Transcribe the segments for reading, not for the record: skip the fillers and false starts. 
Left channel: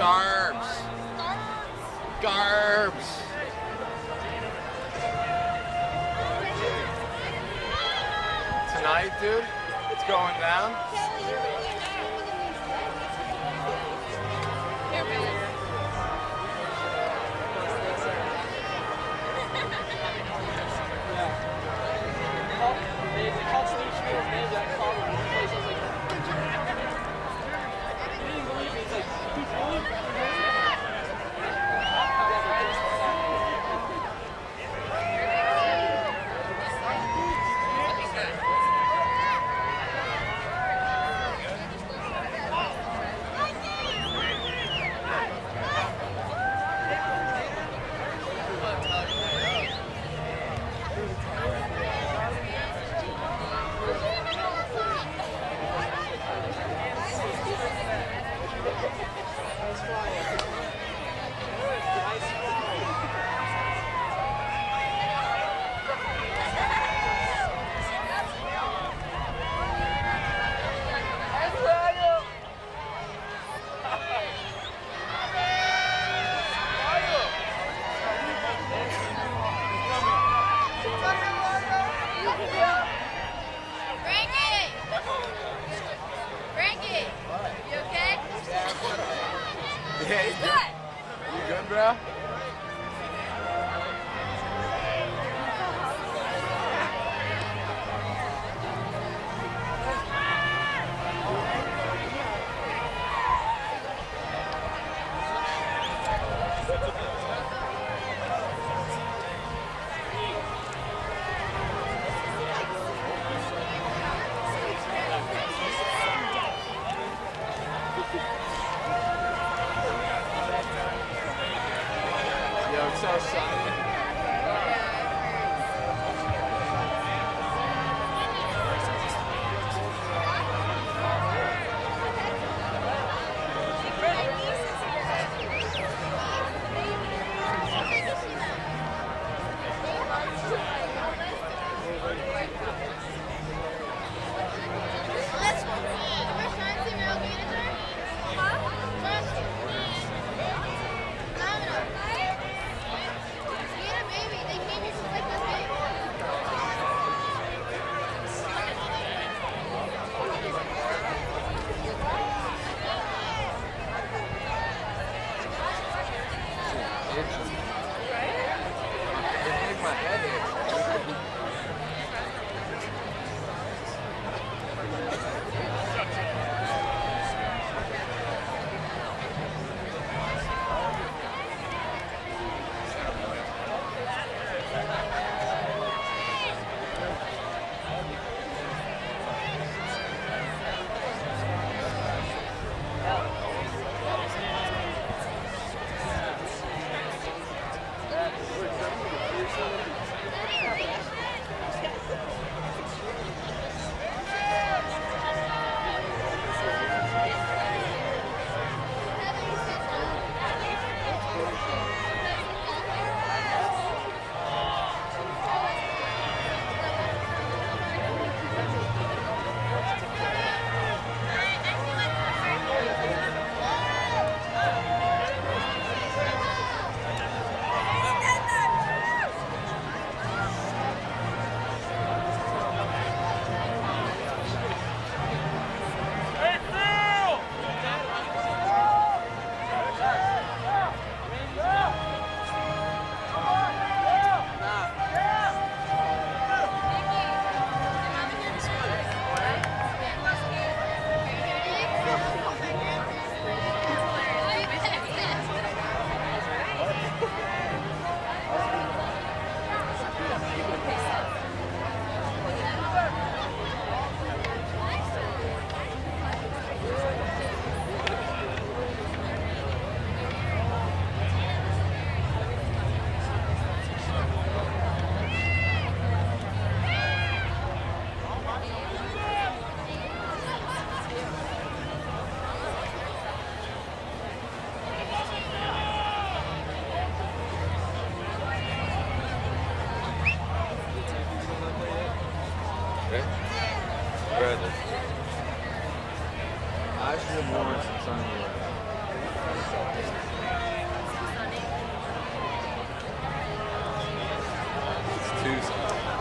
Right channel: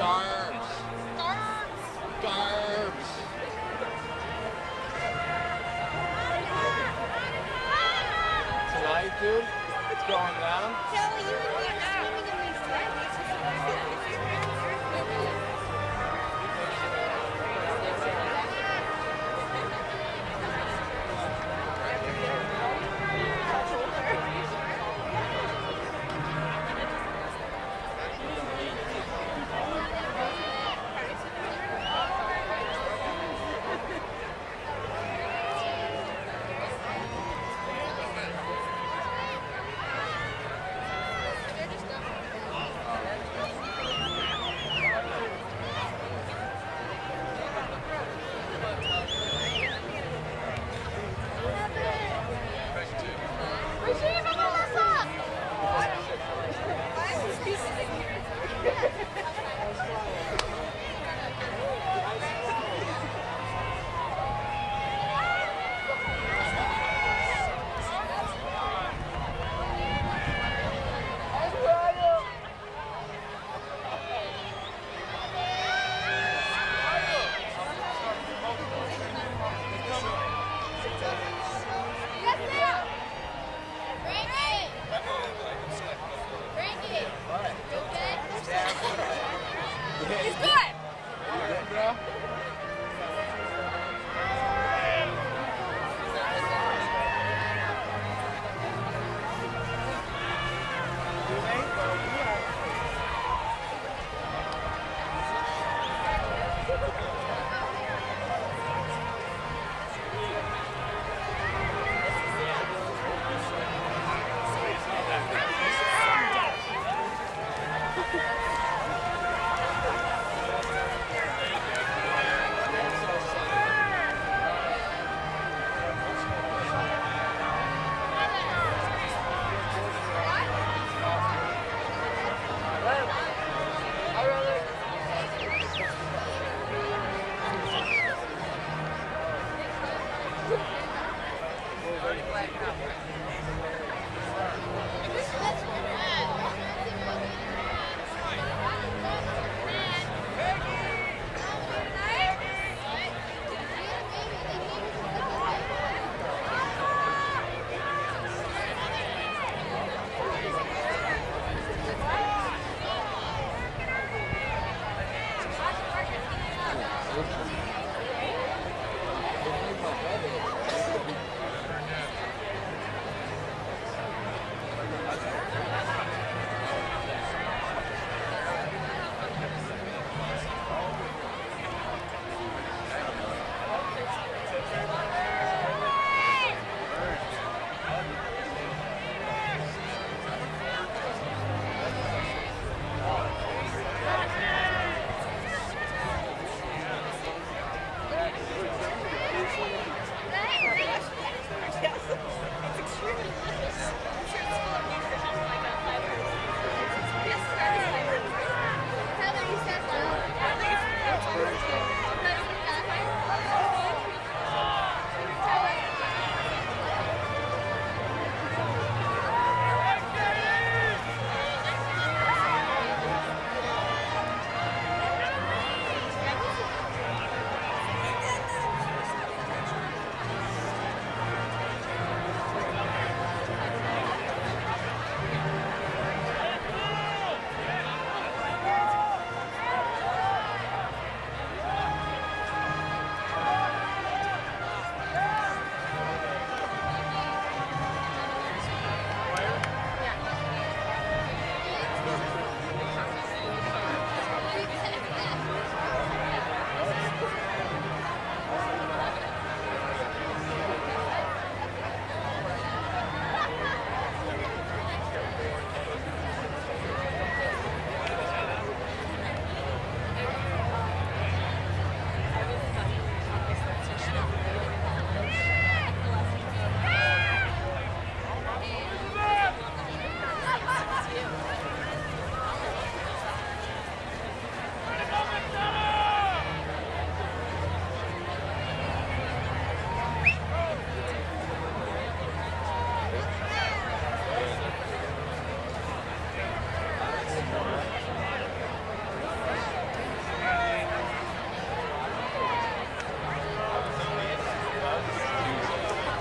Garbs. Garbs. Tonight, dude, it's going down.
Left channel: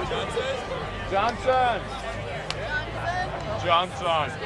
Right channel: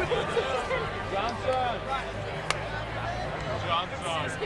Johnson. Johnson.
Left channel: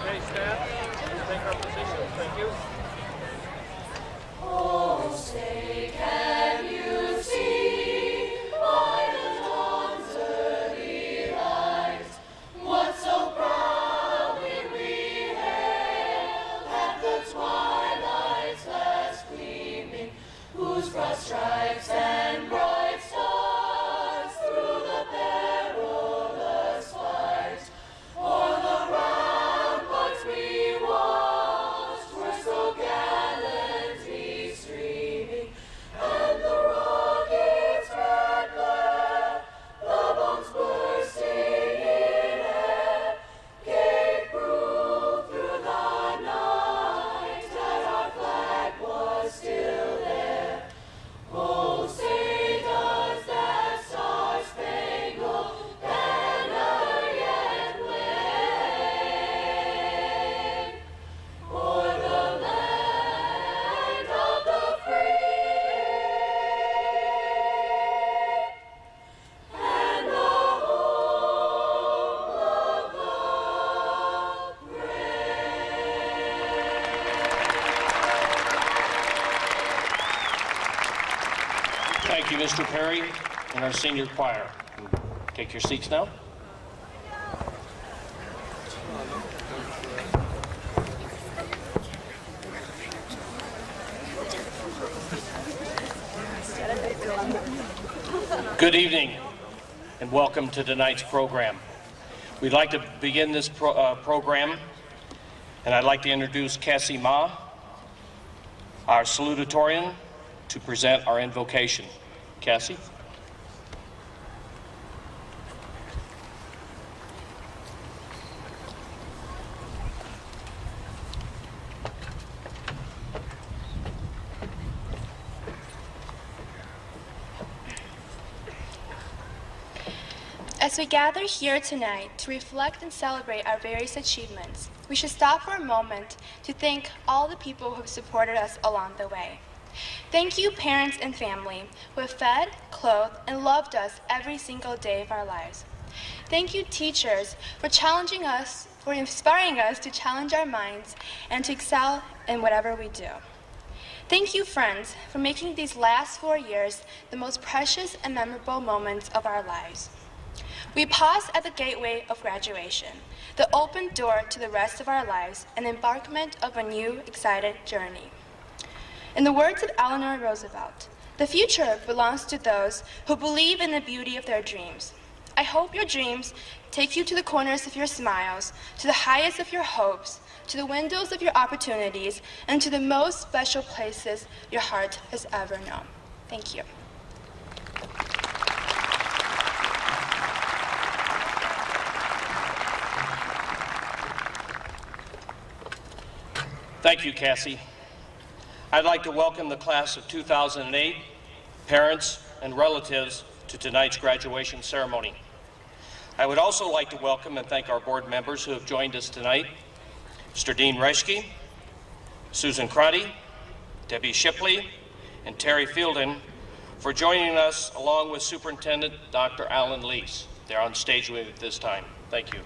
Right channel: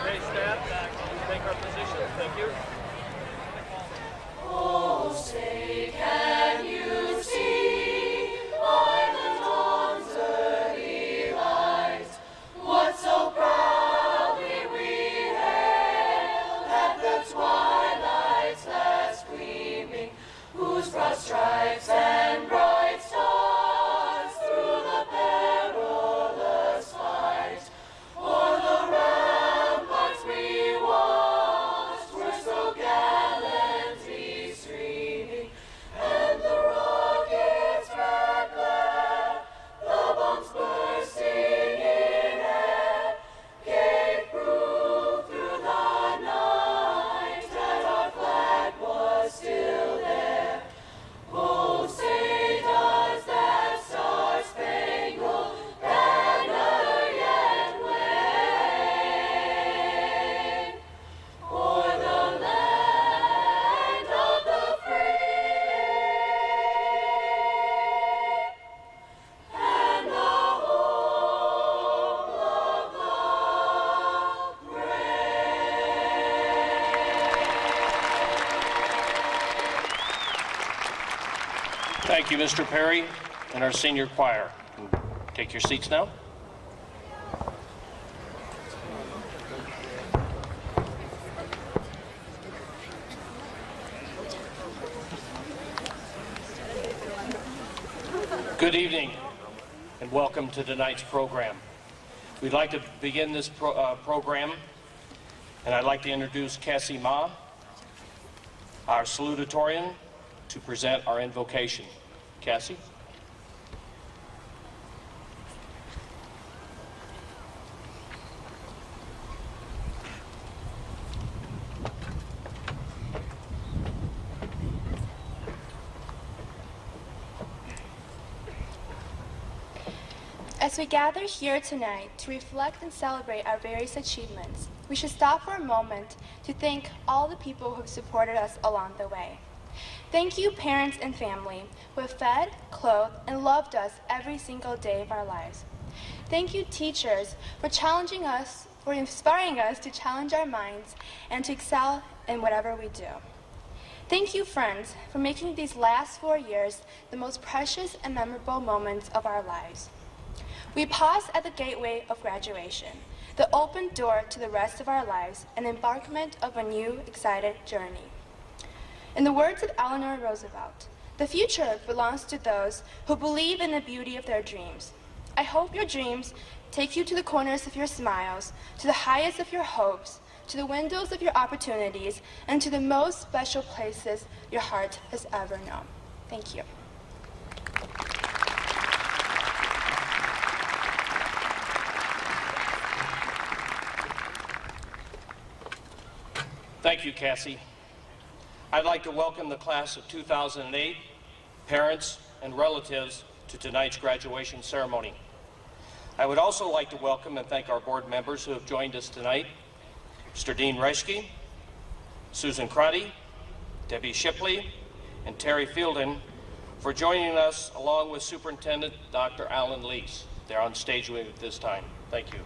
Okay, staff, take our positions. Thank you. Oh, say, can you see by the dawn's early light what so proudly we hailed at the twilight's last gleaming, whose broad stripes and bright stars through the perilous fight o'er the ramparts we watched were so gallantly streaming, and the rockets' red glare, the bombs bursting in air, gave proof through the night that our flag was still there. Oh, say does that star-spangled banner yet wave o'er the land of the free and the home of the brave? Thank you, Mr. Perry, and our senior choir. Take your seats now. Good evening, and welcome to tonight's program. We'd like to begin this program, and I'd like to introduce Cassie Ma, our salutatorian, to present our invocation. Cassie? As we gather here tonight to reflect and celebrate our various achievements, we should stop for a moment to thank all the people who have supported us along the way. Thank you, parents and family, who have fed, clothed, and loved us every single day of our lives. Thank you, teachers, for challenging us, for inspiring us to challenge our minds and to excel in whatever we do. Thank you, friends, for making these last 4 years the most precious and memorable moments of our lives. We pause at the gateway of graduation, the open door to the rest of our lives, and embarkment of a new, excited journey. In the words of Eleanor Roosevelt, The future belongs to those who believe in the beauty of their dreams. I hope your dreams take you to the corners of your smiles, to the highest of your hopes, to the windows of your opportunities, and to the most special places your heart has ever known. Thank you. Thank you, Cassie. I'd like to welcome the class of 2008, parents, and relatives to tonight's graduation ceremony. I would also like to welcome and thank our board members who have joined us tonight, Mr. Dean Reschke, Susan Crotty, Debbie Shipley, and Terry Fielden for joining us along with Superintendent Dr. Alan Lees. They're on stage with me at this time. Thank you.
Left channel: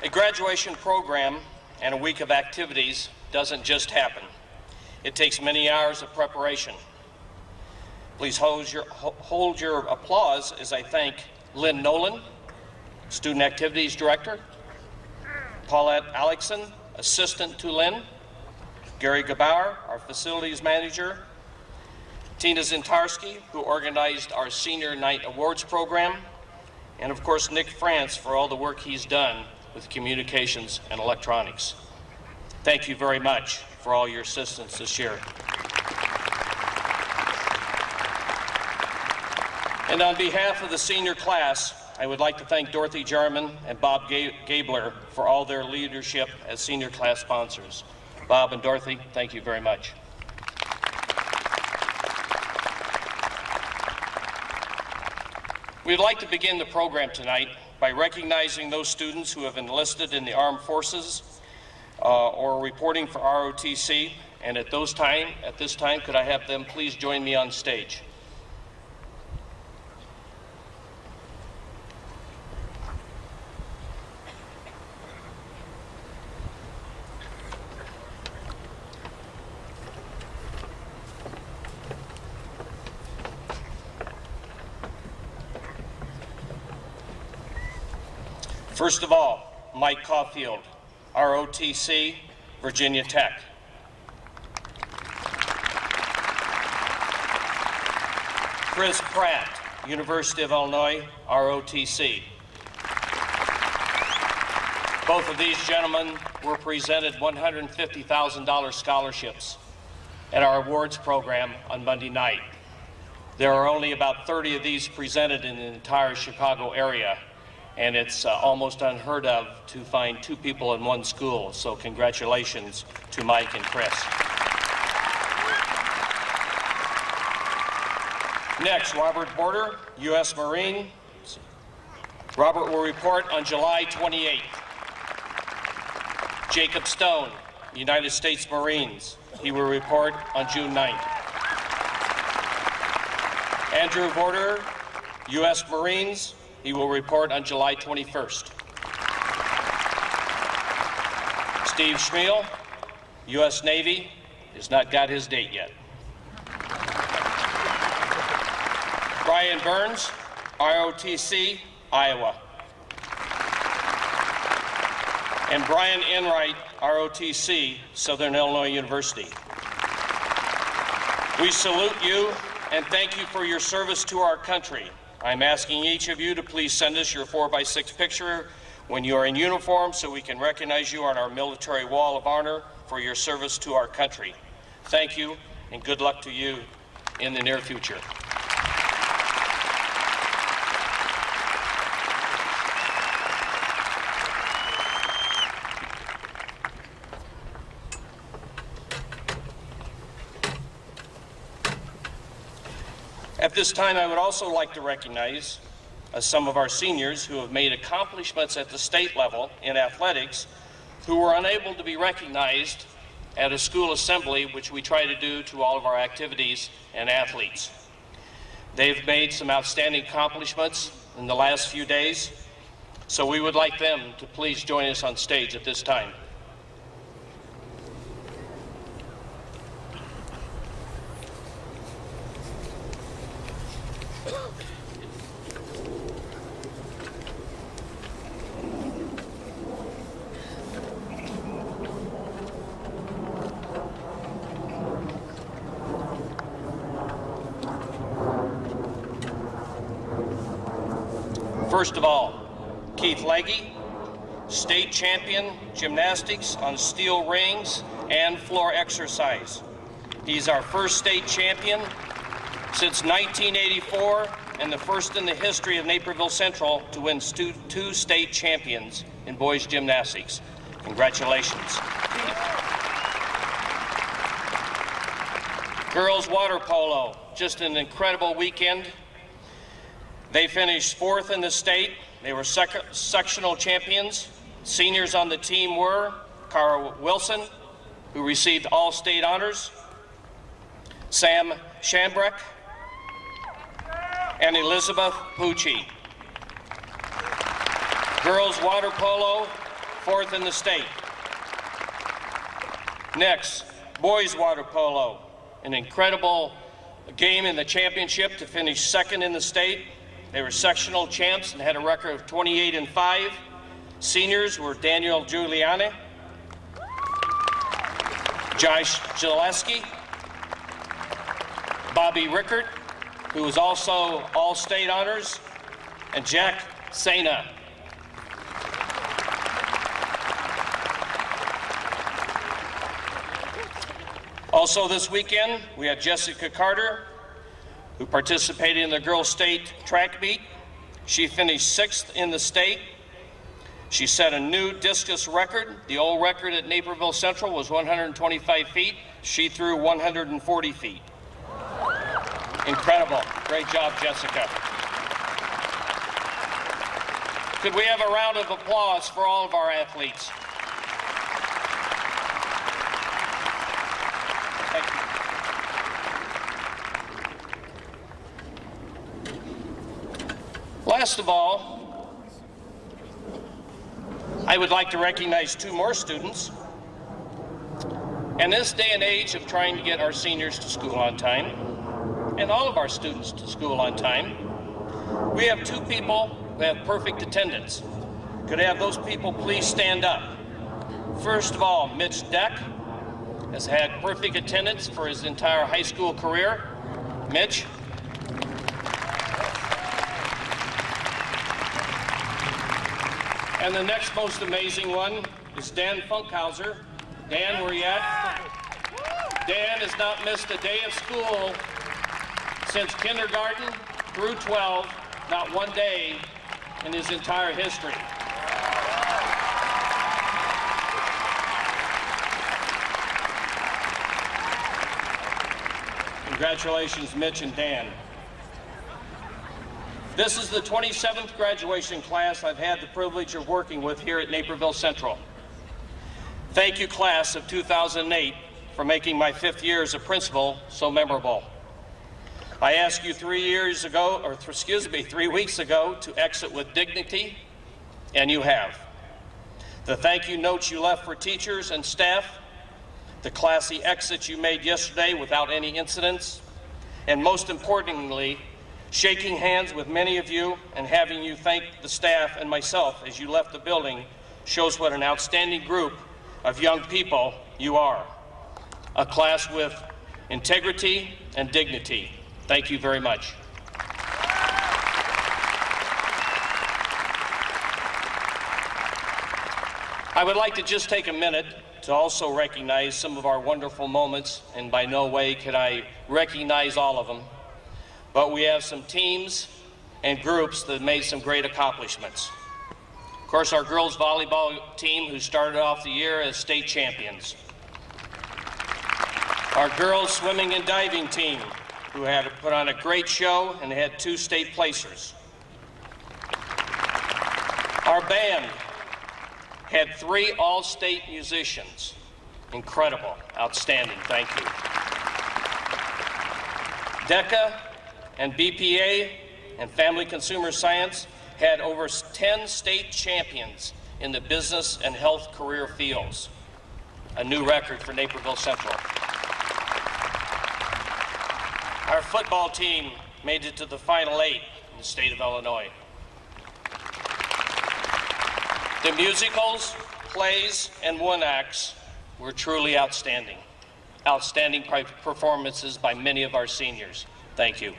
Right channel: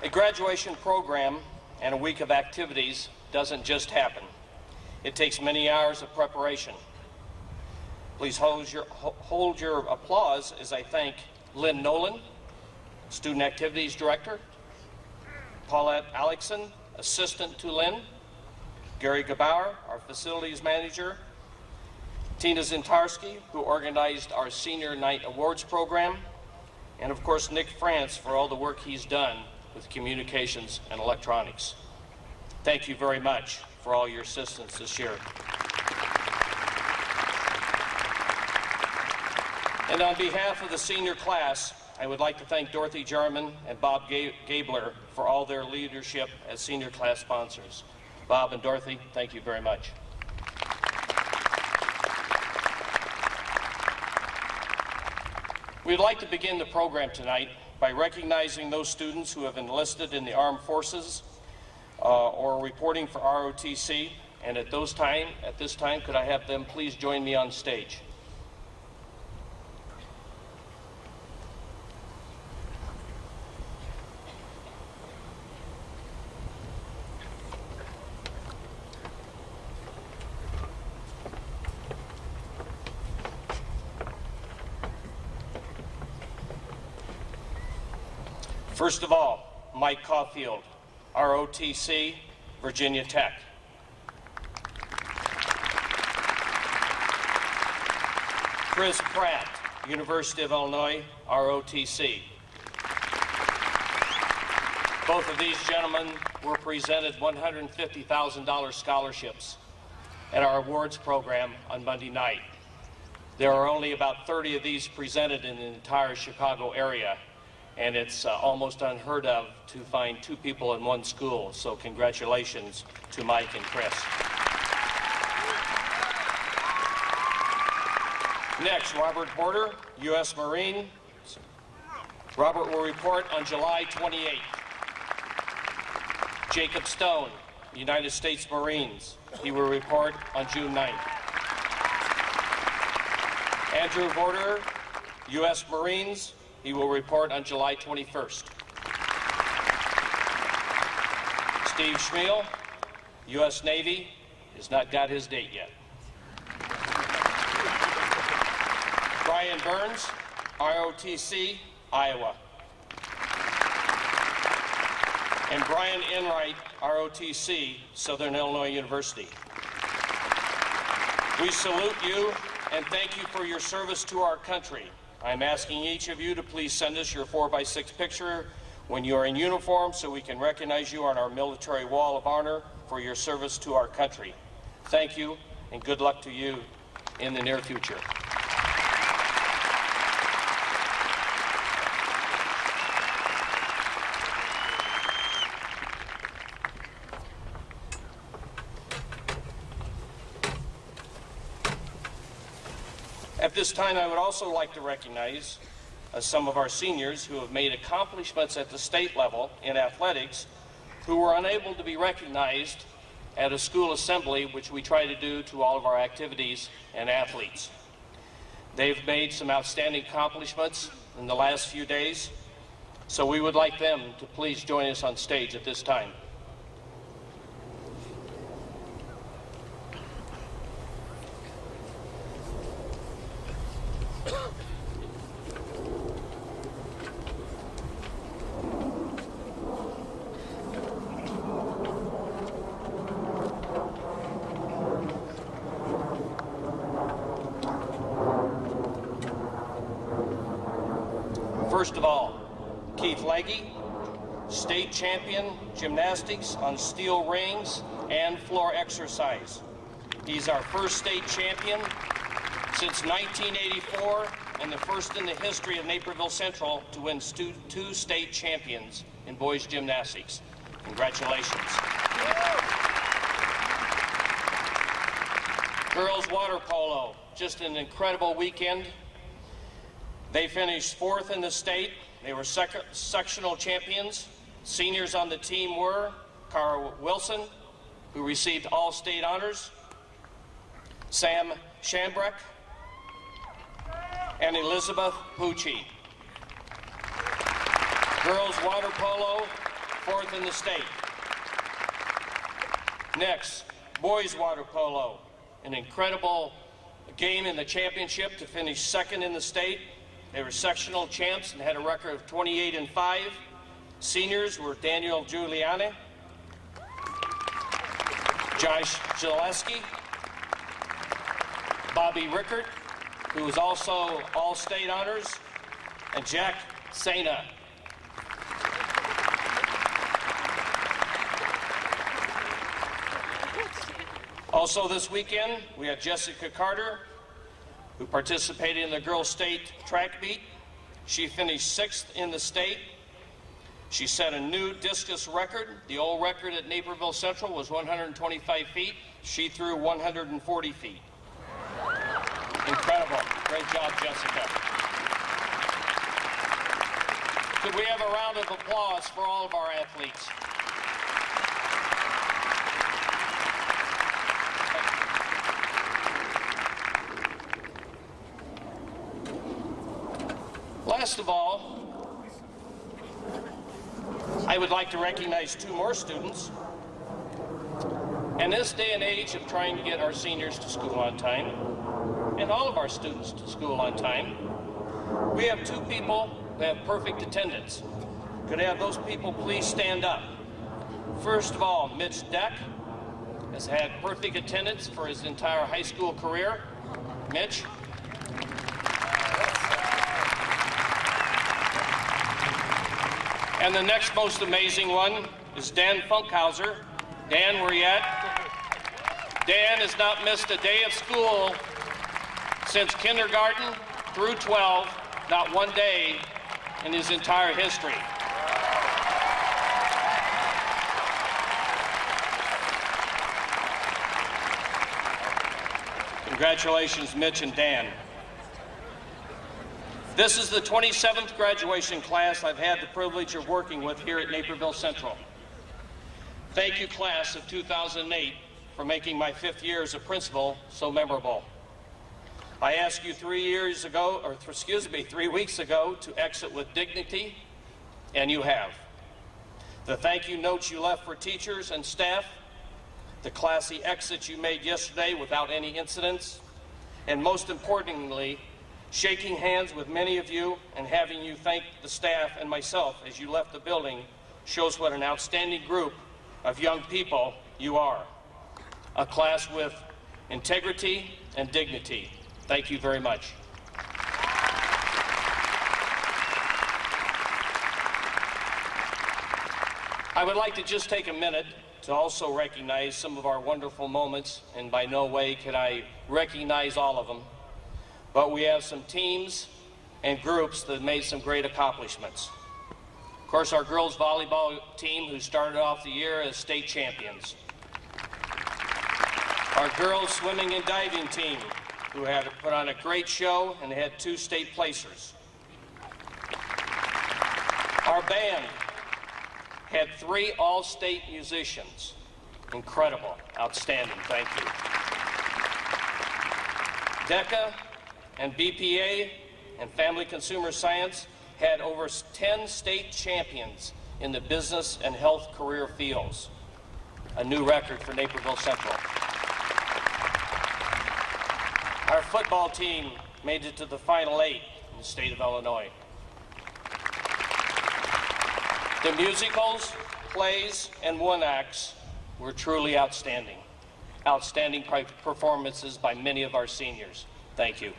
A graduation program and a week of activities doesn't just happen. It takes many hours of preparation. Please hold your applause as I thank Lynn Nolan, Student Activities Director, Paulette Alexson, Assistant to Lynn, Gary Gabauer, our Facilities Manager, Tina Zintarski, who organized our Senior Night Awards program, and of course Nick France for all the work he's done with communications and electronics. Thank you very much for all your assistance this year. And on behalf of the senior class, I would like to thank Dorothy Jarman and Bob Gabler for all their leadership as senior class sponsors. Bob and Dorothy, thank you very much. We'd like to begin the program tonight by recognizing those students who have enlisted in the armed forces or reporting for ROTC. And at this time, could I have them please join me on stage? First of all, Mike Caulfield, ROTC, Virginia Tech. Chris Pratt, University of Illinois, ROTC. Both of these gentlemen were presented $150,000 scholarships at our awards program on Monday night. There are only about 30 of these presented in the entire Chicago area, and it's almost unheard of to find two people in one school, so congratulations to Mike and Chris. Next, Robert Border, U.S. Marine. Robert will report on July 28th. Jacob Stone, United States Marines. He will report on June 9th. Andrew Border, U.S. Marines. He will report on July 21st. Steve Schmiel, U.S. Navy, has not got his date yet. Brian Burns, ROTC, Iowa. And Brian Enright, ROTC, Southern Illinois University. We salute you and thank you for your service to our country. I'm asking each of you to please send us your 4x6 picture when you are in uniform so we can recognize you on our military wall of honor for your service to our country. Thank you, and good luck to you in the near future. At this time, I would also like to recognize some of our seniors who have made accomplishments at the state level in athletics who were unable to be recognized at a school assembly, which we try to do to all of our activities and athletes. They've made some outstanding accomplishments in the last few days, so we would like them to please join us on stage at this time. First of all, Keith Legge, state champion gymnastics on steel rings and floor exercise. He's our first state champion since 1984 and the first in the history of Naperville Central to win two state champions in boys gymnastics. Congratulations. Girls water polo, just an incredible weekend. They finished 4th in the state. They were sectional champions. Seniors on the team were Cara Wilson, who received all state honors, Sam Shambrick, and Elizabeth Pucci. Girls water polo, 4th in the state. Next, boys water polo, an incredible game in the championship to finish 2nd in the state. They were sectional champs and had a record of 28-5. Seniors were Daniel Giuliani, Josh Gillespie, Bobby Rickert, who was also all-state honors, and Jack Sena. Also this weekend, we had Jessica Carter, who participated in the girls' state track meet. She finished 6th in the state. She set a new discus record. The old record at Naperville Central was 125 feet. She threw 140 feet. Incredible. Great job, Jessica. Could we have a round of applause for all of our athletes? Last of all, I would like to recognize 2 more students. In this day and age of trying to get our seniors to school on time, and all of our students to school on time, we have 2 people who have perfect attendance. Could I have those people please stand up? First of all, Mitch Deck has had perfect attendance for his entire high school career. Mitch. And the next most amazing one is Dan Funkhauser. Dan, where you at? Dan has not missed a day of school since kindergarten through 12, not one day in his entire history. Congratulations, Mitch and Dan. This is the 27th graduation class I've had the privilege of working with here at Naperville Central. Thank you, class of 2008, for making my 5th year as a principal so memorable. I asked you 3 weeks ago to exit with dignity, and you have. The thank you notes you left for teachers and staff, the classy exits you made yesterday without any incidents, and most importantly, shaking hands with many of you and having you thank the staff and myself as you left the building shows what an outstanding group of young people you are. A class with integrity and dignity. Thank you very much. I would like to just take a minute to also recognize some of our wonderful moments, and by no way can I recognize all of them. But we have some teams and groups that made some great accomplishments. Of course, our girls volleyball team, who started off the year as state champions. Our girls swimming and diving team, who had put on a great show and had 2 state placers. Our band had 3 all-state musicians. Incredible, outstanding, thank you. DECA and BPA and Family Consumer Science had over 10 state champions in the business and health career fields. A new record for Naperville Central. Our football team made it to the Final 8 in the state of Illinois. The musicals, plays, and one acts were truly outstanding. Outstanding performances by many of our seniors. Thank you.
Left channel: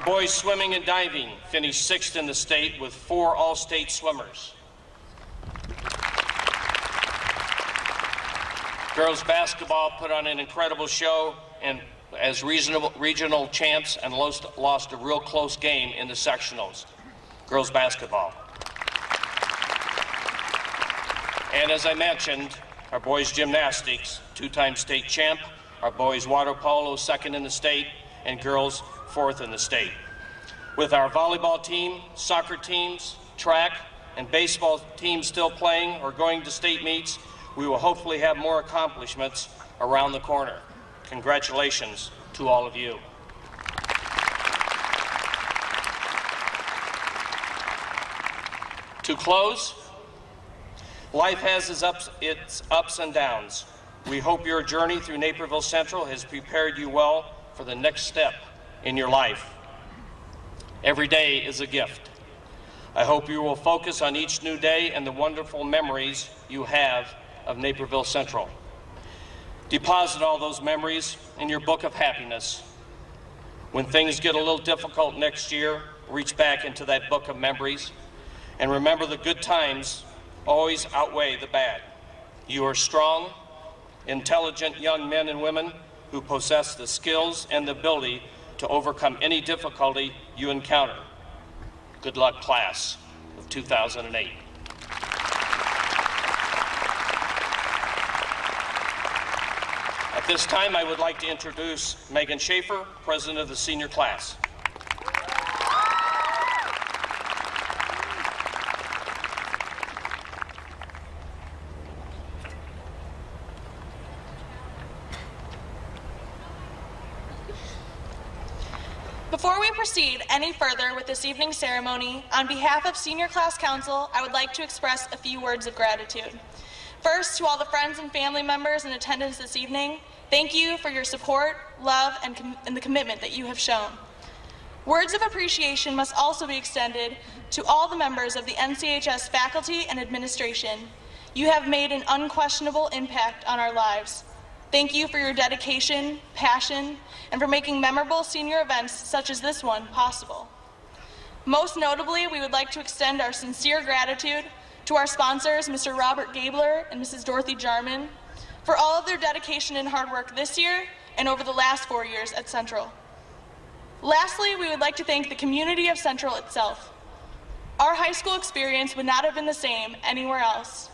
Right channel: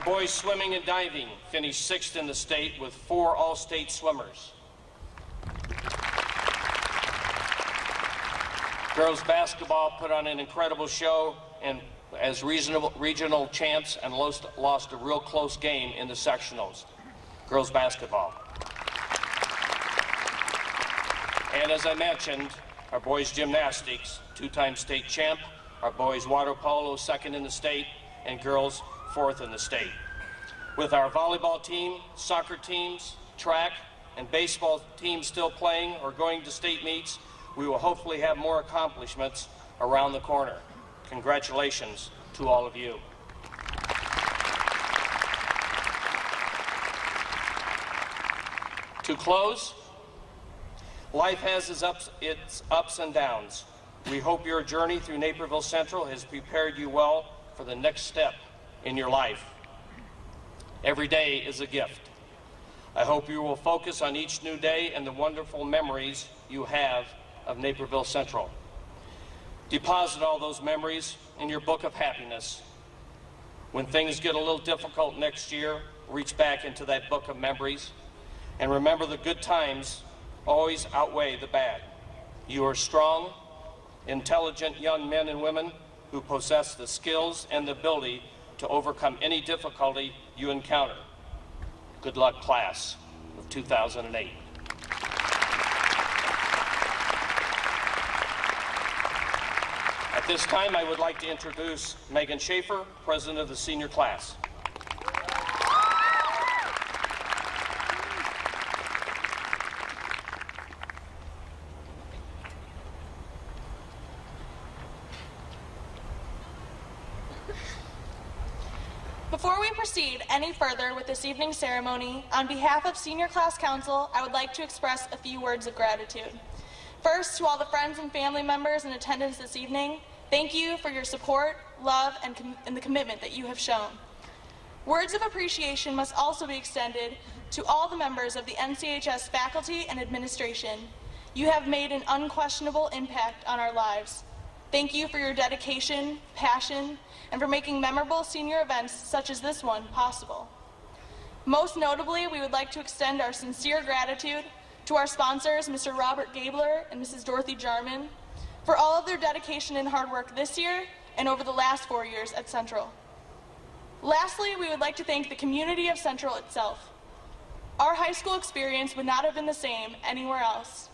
Our boys swimming and diving finished 6th in the state with 4 all-state swimmers. Girls basketball put on an incredible show and as regional champs and lost a real close game in the sectionals. Girls basketball. And as I mentioned, our boys gymnastics, 2-time state champ, our boys water polo, 2nd in the state, and girls 4th in the state. With our volleyball team, soccer teams, track, and baseball teams still playing or going to state meets, we will hopefully have more accomplishments around the corner. Congratulations to all of you. To close, life has its ups and downs. We hope your journey through Naperville Central has prepared you well for the next step in your life. Every day is a gift. I hope you will focus on each new day and the wonderful memories you have of Naperville Central. Deposit all those memories in your book of happiness. When things get a little difficult next year, reach back into that book of memories and remember the good times always outweigh the bad. You are strong, intelligent young men and women who possess the skills and the ability to overcome any difficulty you encounter. Good luck, class of 2008. At this time, I would like to introduce Megan Schaefer, president of the senior class. Before we proceed any further with this evening's ceremony, on behalf of Senior Class Council, I would like to express a few words of gratitude. First, to all the friends and family members in attendance this evening, thank you for your support, love, and the commitment that you have shown. Words of appreciation must also be extended to all the members of the NCHS faculty and administration. You have made an unquestionable impact on our lives. Thank you for your dedication, passion, and for making memorable senior events such as this one possible. Most notably, we would like to extend our sincere gratitude to our sponsors, Mr. Robert Gabler and Mrs. Dorothy Jarman, for all of their dedication and hard work this year and over the last 4 years at Central. Lastly, we would like to thank the community of Central itself. Our high school experience would not have been the same anywhere else.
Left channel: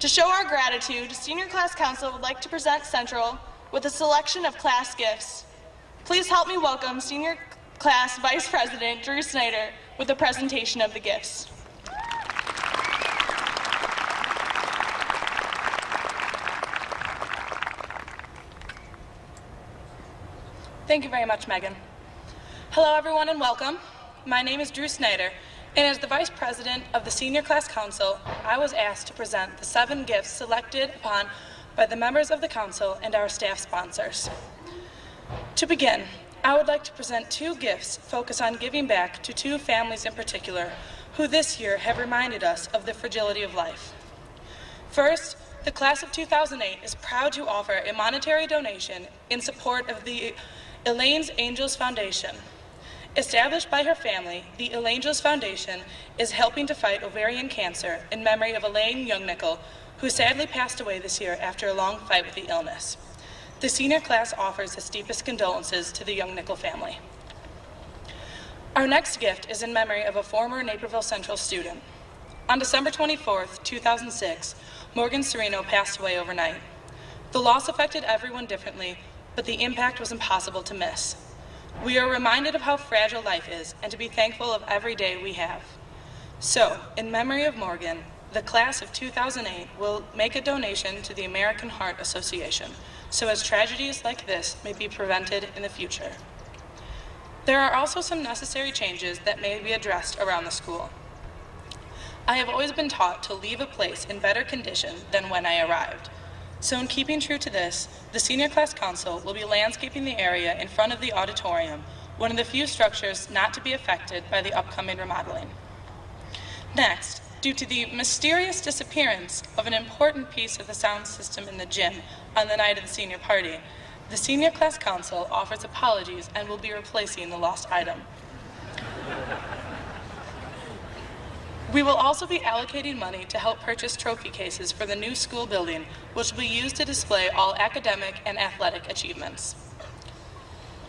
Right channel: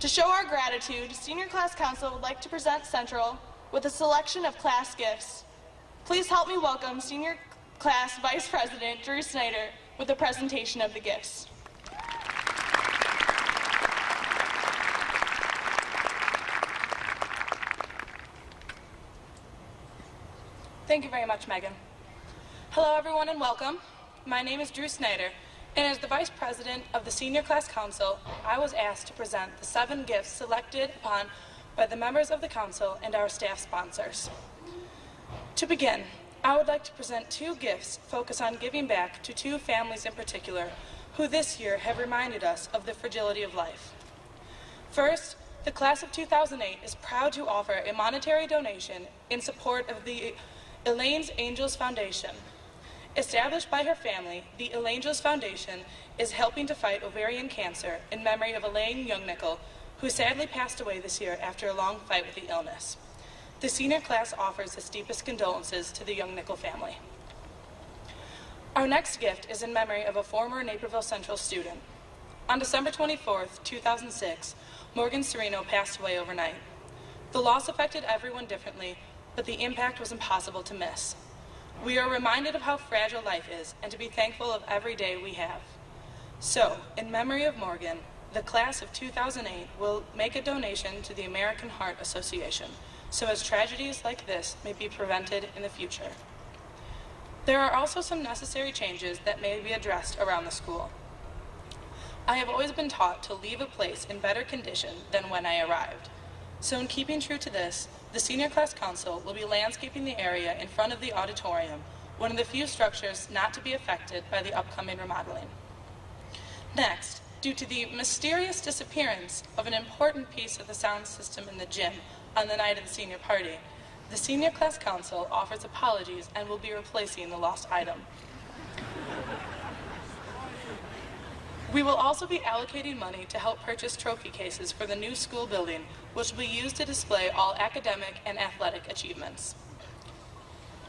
To show our gratitude, Senior Class Council would like to present Central with a selection of class gifts. Please help me welcome Senior Class Vice President Drew Snyder with a presentation of the gifts. Thank you very much, Megan. Hello, everyone, and welcome. My name is Drew Snyder, and as the Vice President of the Senior Class Council, I was asked to present the 7 gifts selected upon by the members of the Council and our staff sponsors. To begin, I would like to present 2 gifts focused on giving back to 2 families in particular who this year have reminded us of the fragility of life. First, the class of 2008 is proud to offer a monetary donation in support of the Elaine's Angels Foundation. Established by her family, the Elangels Foundation is helping to fight ovarian cancer in memory of Elaine Youngnickel, who sadly passed away this year after a long fight with the illness. The senior class offers its deepest condolences to the Youngnickel family. Our next gift is in memory of a former Naperville Central student. On December 24th, 2006, Morgan Sereno passed away overnight. The loss affected everyone differently, but the impact was impossible to miss. We are reminded of how fragile life is and to be thankful of every day we have. So, in memory of Morgan, the class of 2008 will make a donation to the American Heart Association, so as tragedies like this may be prevented in the future. There are also some necessary changes that may be addressed around the school. I have always been taught to leave a place in better condition than when I arrived. So in keeping true to this, the Senior Class Council will be landscaping the area in front of the auditorium, one of the few structures not to be affected by the upcoming remodeling. Next, due to the mysterious disappearance of an important piece of the sound system in the gym on the night of the senior party, the Senior Class Council offers apologies and will be replacing the lost item. We will also be allocating money to help purchase trophy cases for the new school building, which will be used to display all academic and athletic achievements.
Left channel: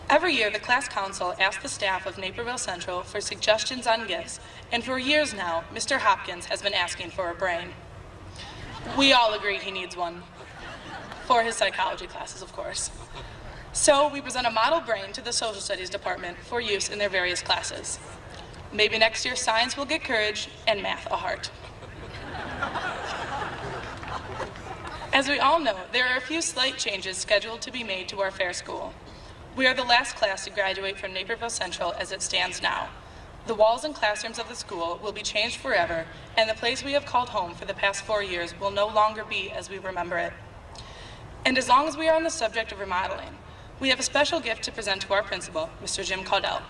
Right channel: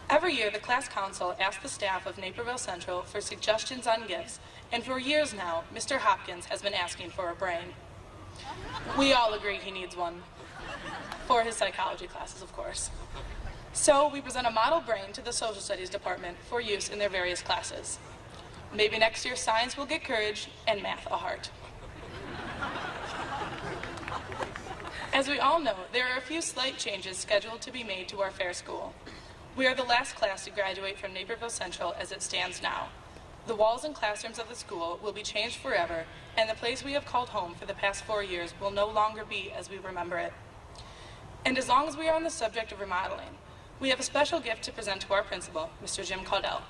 Every year, the Class Council asks the staff of Naperville Central for suggestions on gifts, and for years now, Mr. Hopkins has been asking for a brain. We all agree he needs one, for his psychology classes, of course. So we present a model brain to the Social Studies Department for use in their various classes. Maybe next year science will get courage and math a heart. As we all know, there are a few slight changes scheduled to be made to our fair school. We are the last class to graduate from Naperville Central as it stands now. The walls and classrooms of the school will be changed forever, and the place we have called home for the past 4 years will no longer be as we remember it. And as long as we are on the subject of remodeling, we have a special gift to present to our principal, Mr. Jim Caudell.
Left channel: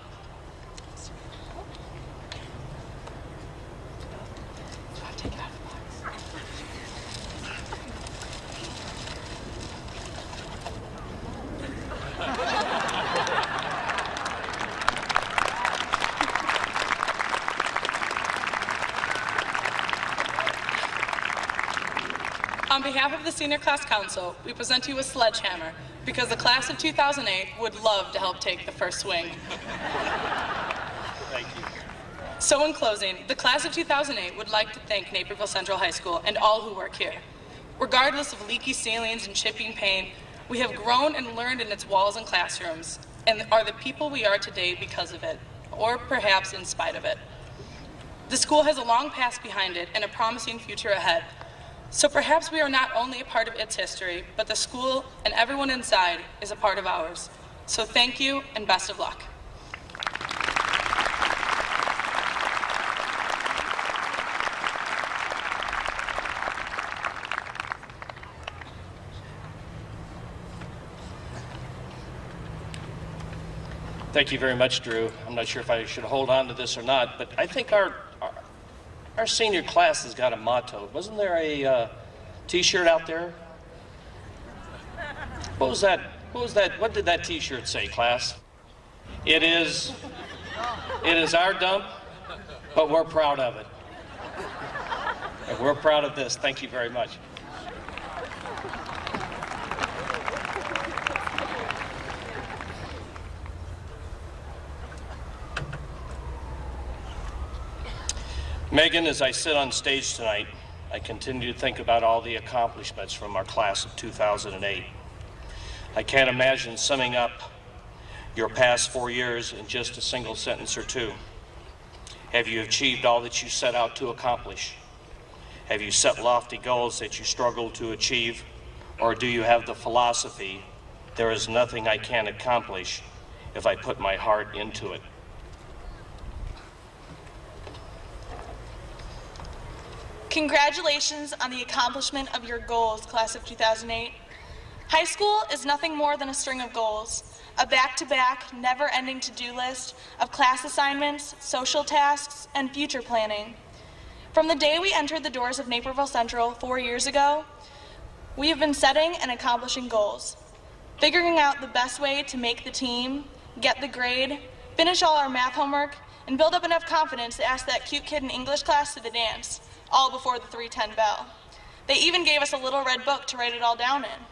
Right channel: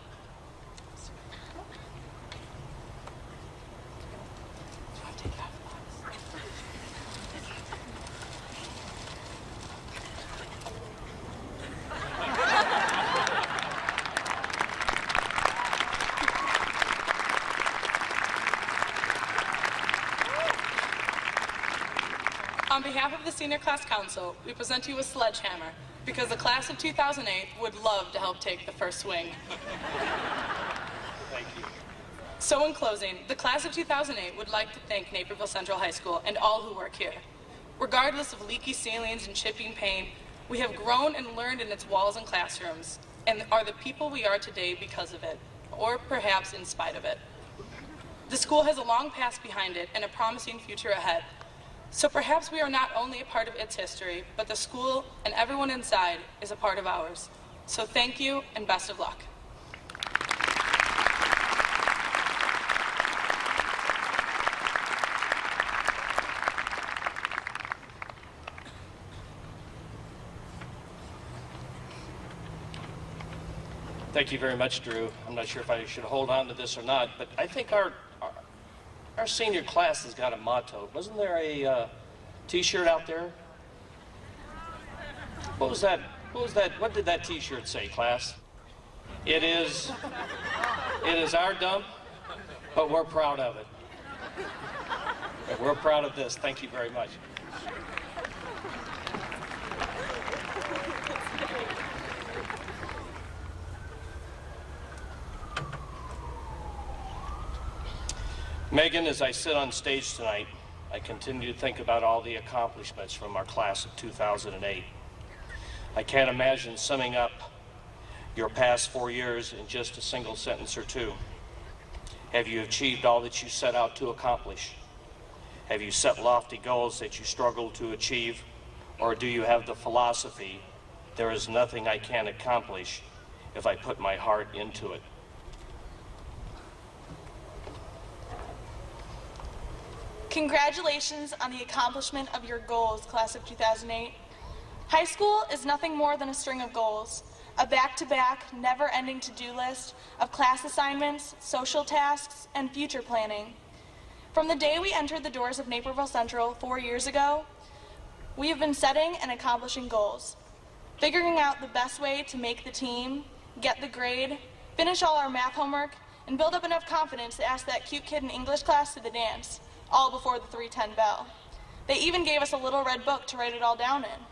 On behalf of the Senior Class Council, we present you a sledgehammer because the class of 2008 would love to help take the first swing. Thank you. So in closing, the class of 2008 would like to thank Naperville Central High School and all who work here. Regardless of leaky ceilings and chipping paint, we have grown and learned in its walls and classrooms and are the people we are today because of it, or perhaps in spite of it. The school has a long past behind it and a promising future ahead. So perhaps we are not only a part of its history, but the school and everyone inside is a part of ours. So thank you and best of luck. Thank you very much, Drew. I'm not sure if I should hold on to this or not, but I think our senior class has got a motto. Wasn't there a T-shirt out there? What was that? What did that T-shirt say, class? It is our dump, but we're proud of it. And we're proud of this. Thank you very much. Megan, as I sit on stage tonight, I continue to think about all the accomplishments from our class of 2008. I can't imagine summing up your past 4 years in just a single sentence or two. Have you achieved all that you set out to accomplish? Have you set lofty goals that you struggled to achieve? Or do you have the philosophy, there is nothing I can't accomplish if I put my heart into it? Congratulations on the accomplishment of your goals, class of 2008. High school is nothing more than a string of goals, a back-to-back, never-ending to-do list of class assignments, social tasks, and future planning. From the day we entered the doors of Naperville Central 4 years ago, we have been setting and accomplishing goals, figuring out the best way to make the team, get the grade, finish all our math homework, and build up enough confidence to ask that cute kid in English class to the dance, all before the 3:10 bell. They even gave us a little red book to write it all down in.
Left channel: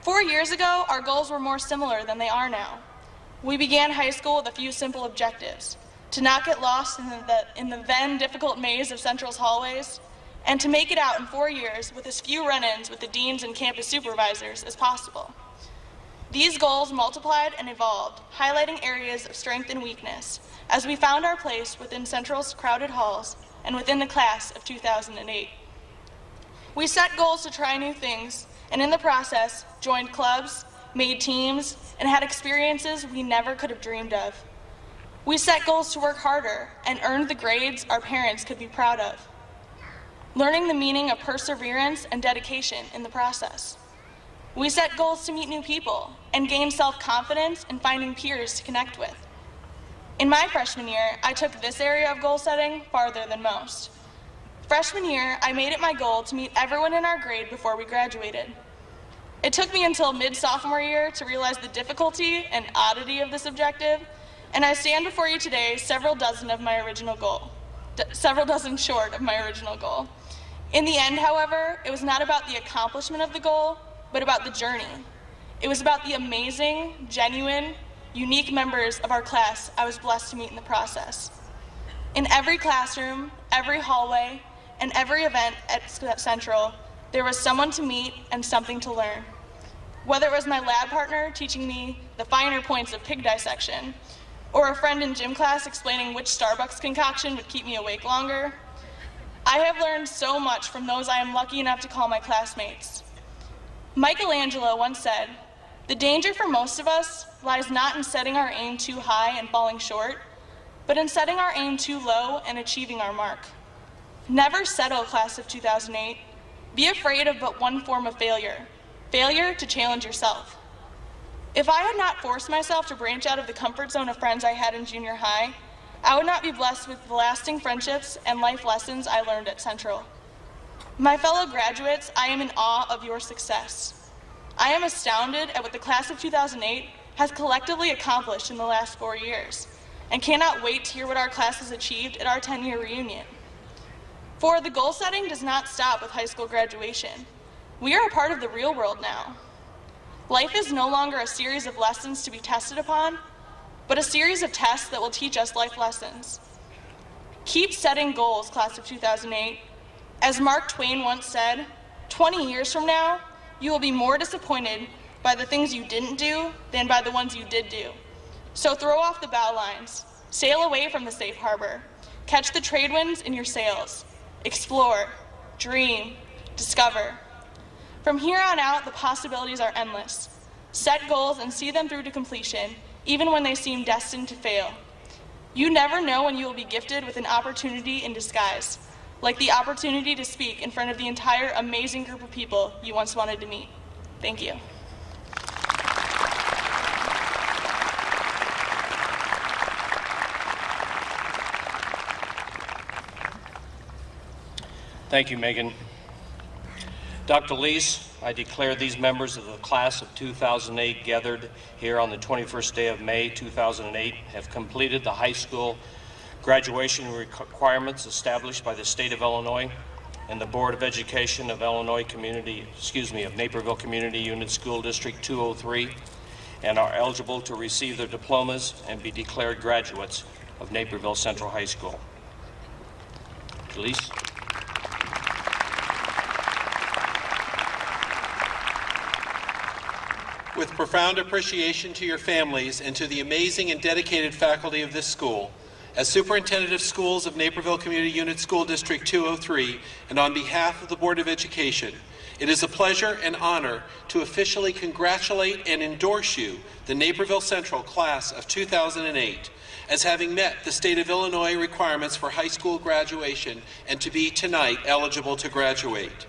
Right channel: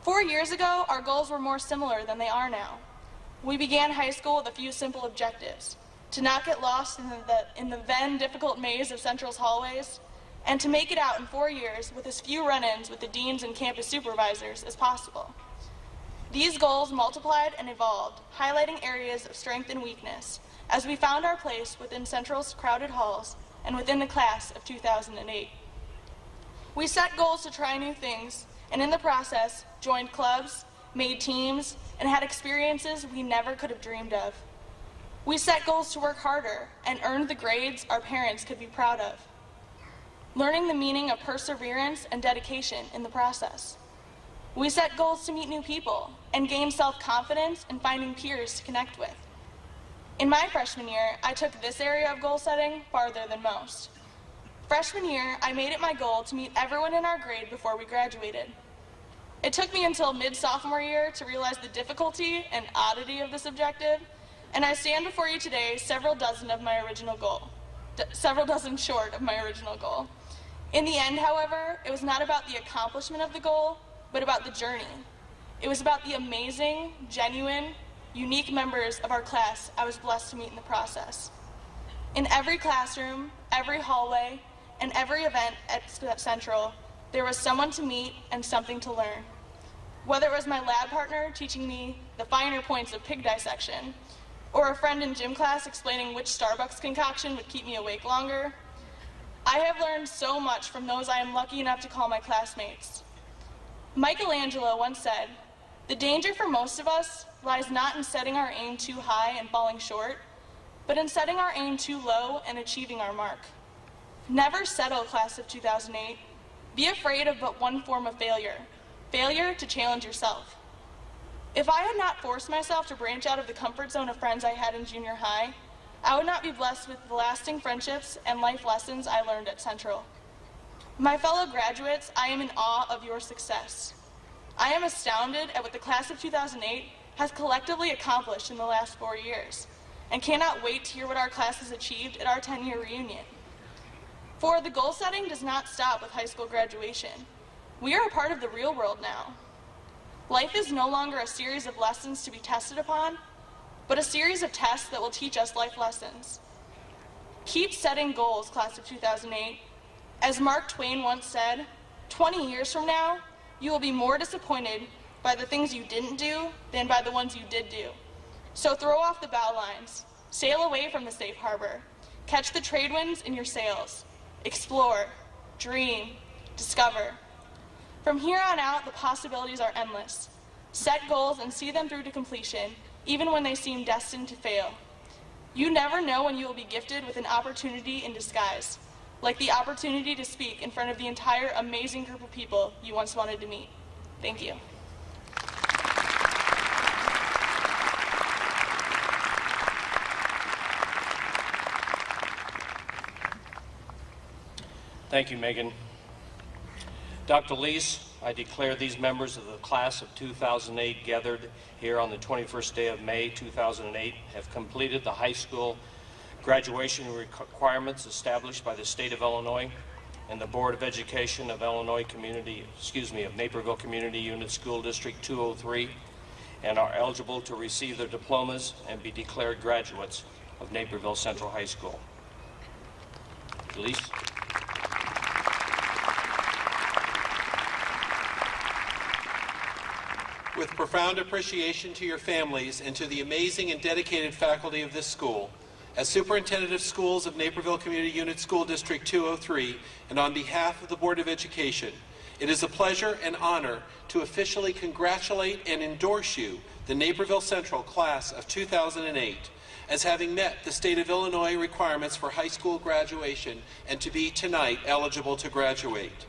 4 years ago, our goals were more similar than they are now. We began high school with a few simple objectives: to not get lost in the then difficult maze of Central's hallways, and to make it out in 4 years with as few run-ins with the deans and campus supervisors as possible. These goals multiplied and evolved, highlighting areas of strength and weakness, as we found our place within Central's crowded halls and within the class of 2008. We set goals to try new things, and in the process, joined clubs, made teams, and had experiences we never could have dreamed of. We set goals to work harder and earned the grades our parents could be proud of, learning the meaning of perseverance and dedication in the process. We set goals to meet new people and gain self-confidence in finding peers to connect with. In my freshman year, I took this area of goal setting farther than most. Freshman year, I made it my goal to meet everyone in our grade before we graduated. It took me until mid-sophomore year to realize the difficulty and oddity of this objective, and I stand before you today several dozen short of my original goal. In the end, however, it was not about the accomplishment of the goal, but about the journey. It was about the amazing, genuine, unique members of our class I was blessed to meet in the process. In every classroom, every hallway, and every event at Central, there was someone to meet and something to learn. Whether it was my lab partner teaching me the finer points of pig dissection, or a friend in gym class explaining which Starbucks concoction would keep me awake longer, I have learned so much from those I am lucky enough to call my classmates. Michelangelo once said, "The danger for most of us lies not in setting our aim too high and falling short, but in setting our aim too low and achieving our mark." Never settle, class of 2008. Be afraid of but one form of failure: failure to challenge yourself. If I had not forced myself to branch out of the comfort zone of friends I had in junior high, I would not be blessed with the lasting friendships and life lessons I learned at Central. My fellow graduates, I am in awe of your success. I am astounded at what the class of 2008 has collectively accomplished in the last 4 years, and cannot wait to hear what our class has achieved at our 10-year reunion. For the goal setting does not stop with high school graduation. We are a part of the real world now. Life is no longer a series of lessons to be tested upon, but a series of tests that will teach us life lessons. Keep setting goals, class of 2008. As Mark Twain once said, 20 years from now, you will be more disappointed by the things you didn't do than by the ones you did do. So throw off the bow lines, sail away from the safe harbor, catch the trade winds in your sails, explore, dream, discover. From here on out, the possibilities are endless. Set goals and see them through to completion, even when they seem destined to fail. You never know when you will be gifted with an opportunity in disguise, like the opportunity to speak in front of the entire amazing group of people you once wanted to meet. Thank you. Thank you, Megan. Dr. Leese, I declare these members of the class of 2008 gathered here on the 21st day of May 2008 have completed the high school graduation requirements established by the state of Illinois and the Board of Education of Naperville Community Unit School District 203, and are eligible to receive their diplomas and be declared graduates of Naperville Central High School. Dr. Leese. With profound appreciation to your families and to the amazing and dedicated faculty of this school, as Superintendent of Schools of Naperville Community Unit School District 203, and on behalf of the Board of Education, it is a pleasure and honor to officially congratulate and endorse you, the Naperville Central Class of 2008, as having met the state of Illinois requirements for high school graduation and to be tonight eligible to graduate.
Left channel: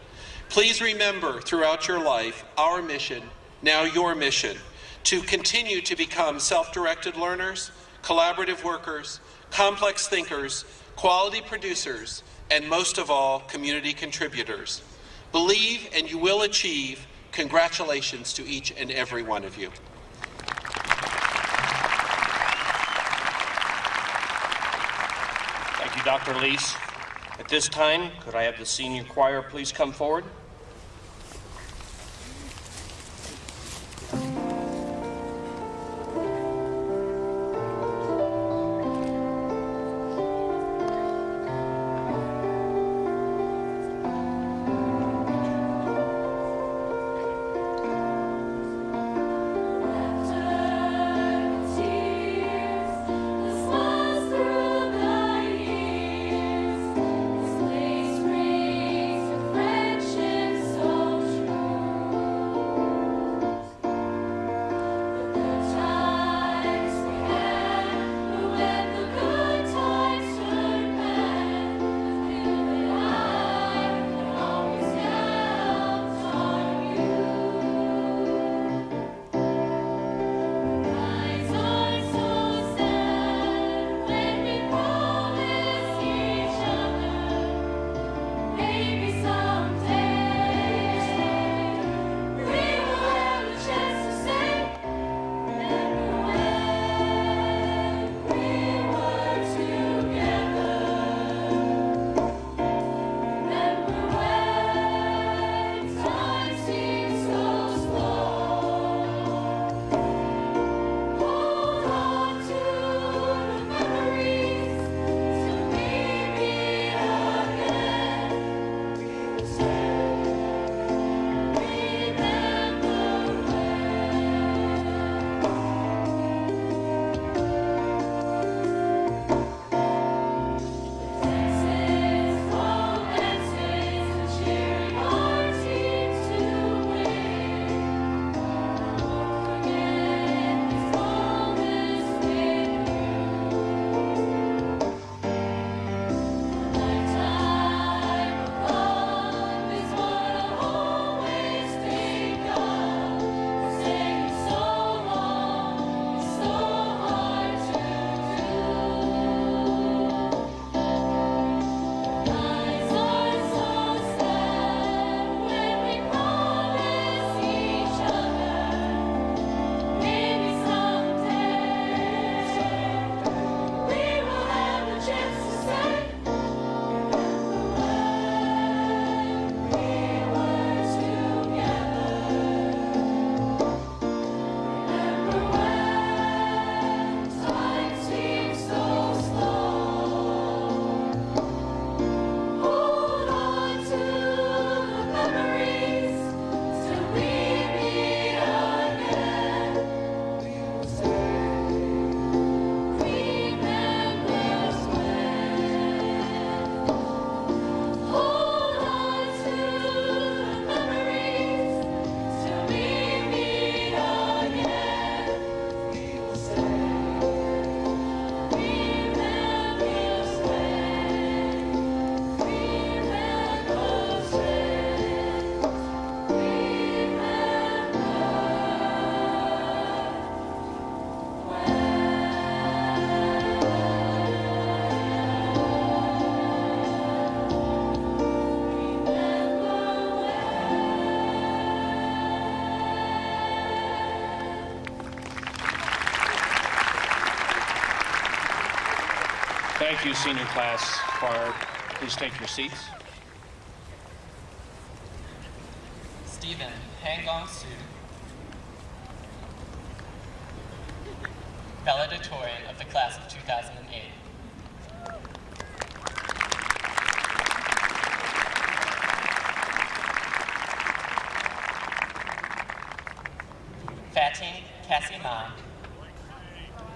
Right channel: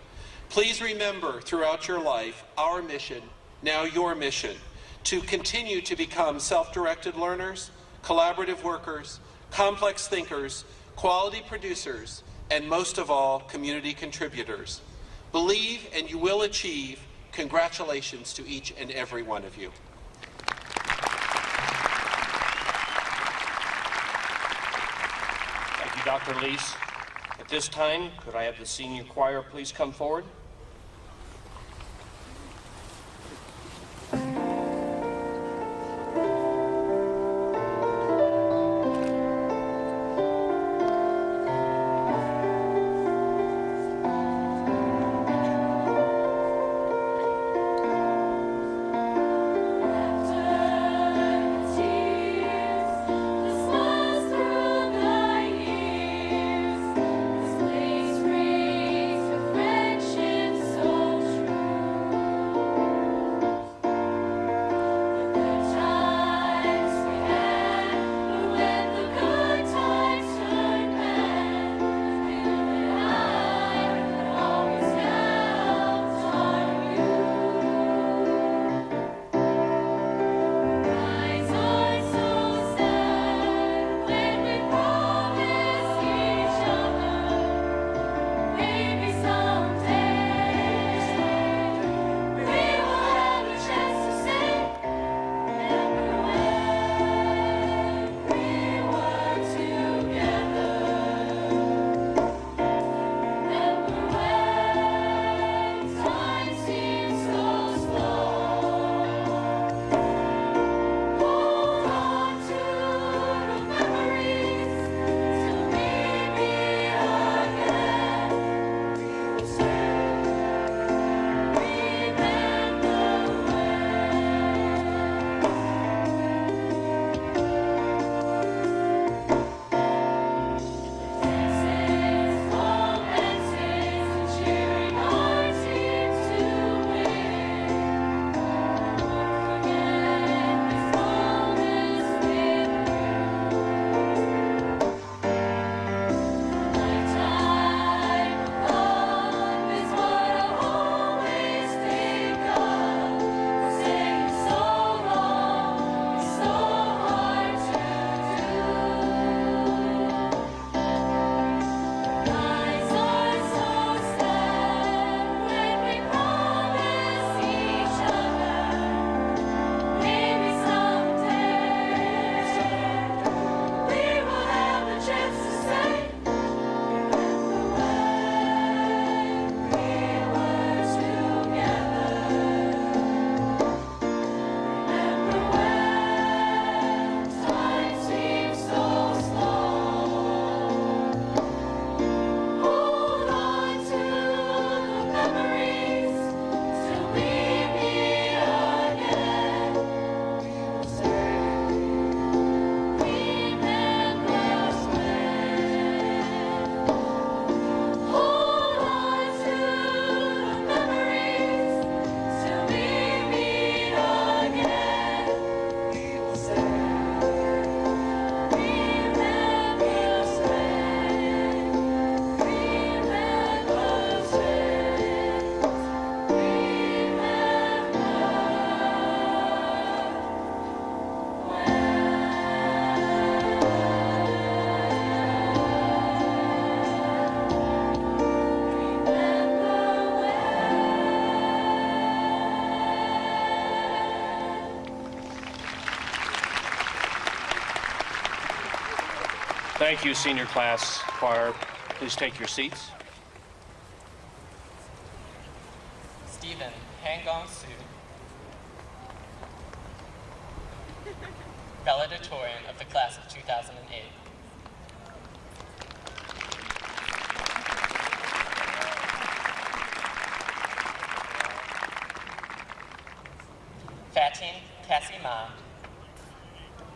Please remember throughout your life our mission, now your mission, to continue to become self-directed learners, collaborative workers, complex thinkers, quality producers, and most of all, community contributors. Believe and you will achieve. Congratulations to each and every one of you. Thank you, Dr. Leese. At this time, could I have the senior choir please come forward? This place rings with friendship. Thank you, senior class choir. Please take your seats. Stephen Hangong Su, valedictorian of the class of 2008. Fatin Kassima,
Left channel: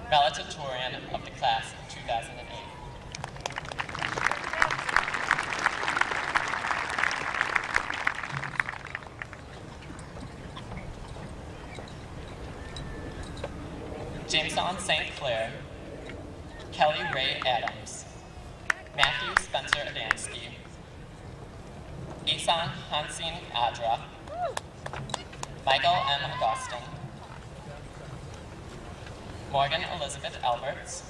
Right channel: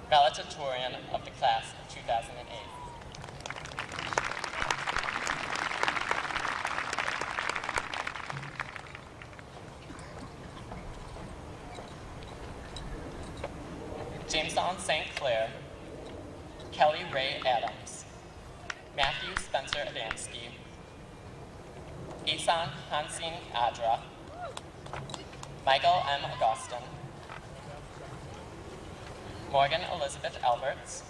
valedictorian of the class of 2008. Jameson St. Clair, Kelly Ray Adams, Matthew Spencer Adamski, Isan Hansin Adra, Michael M. Augustin, Morgan Elizabeth Alberts,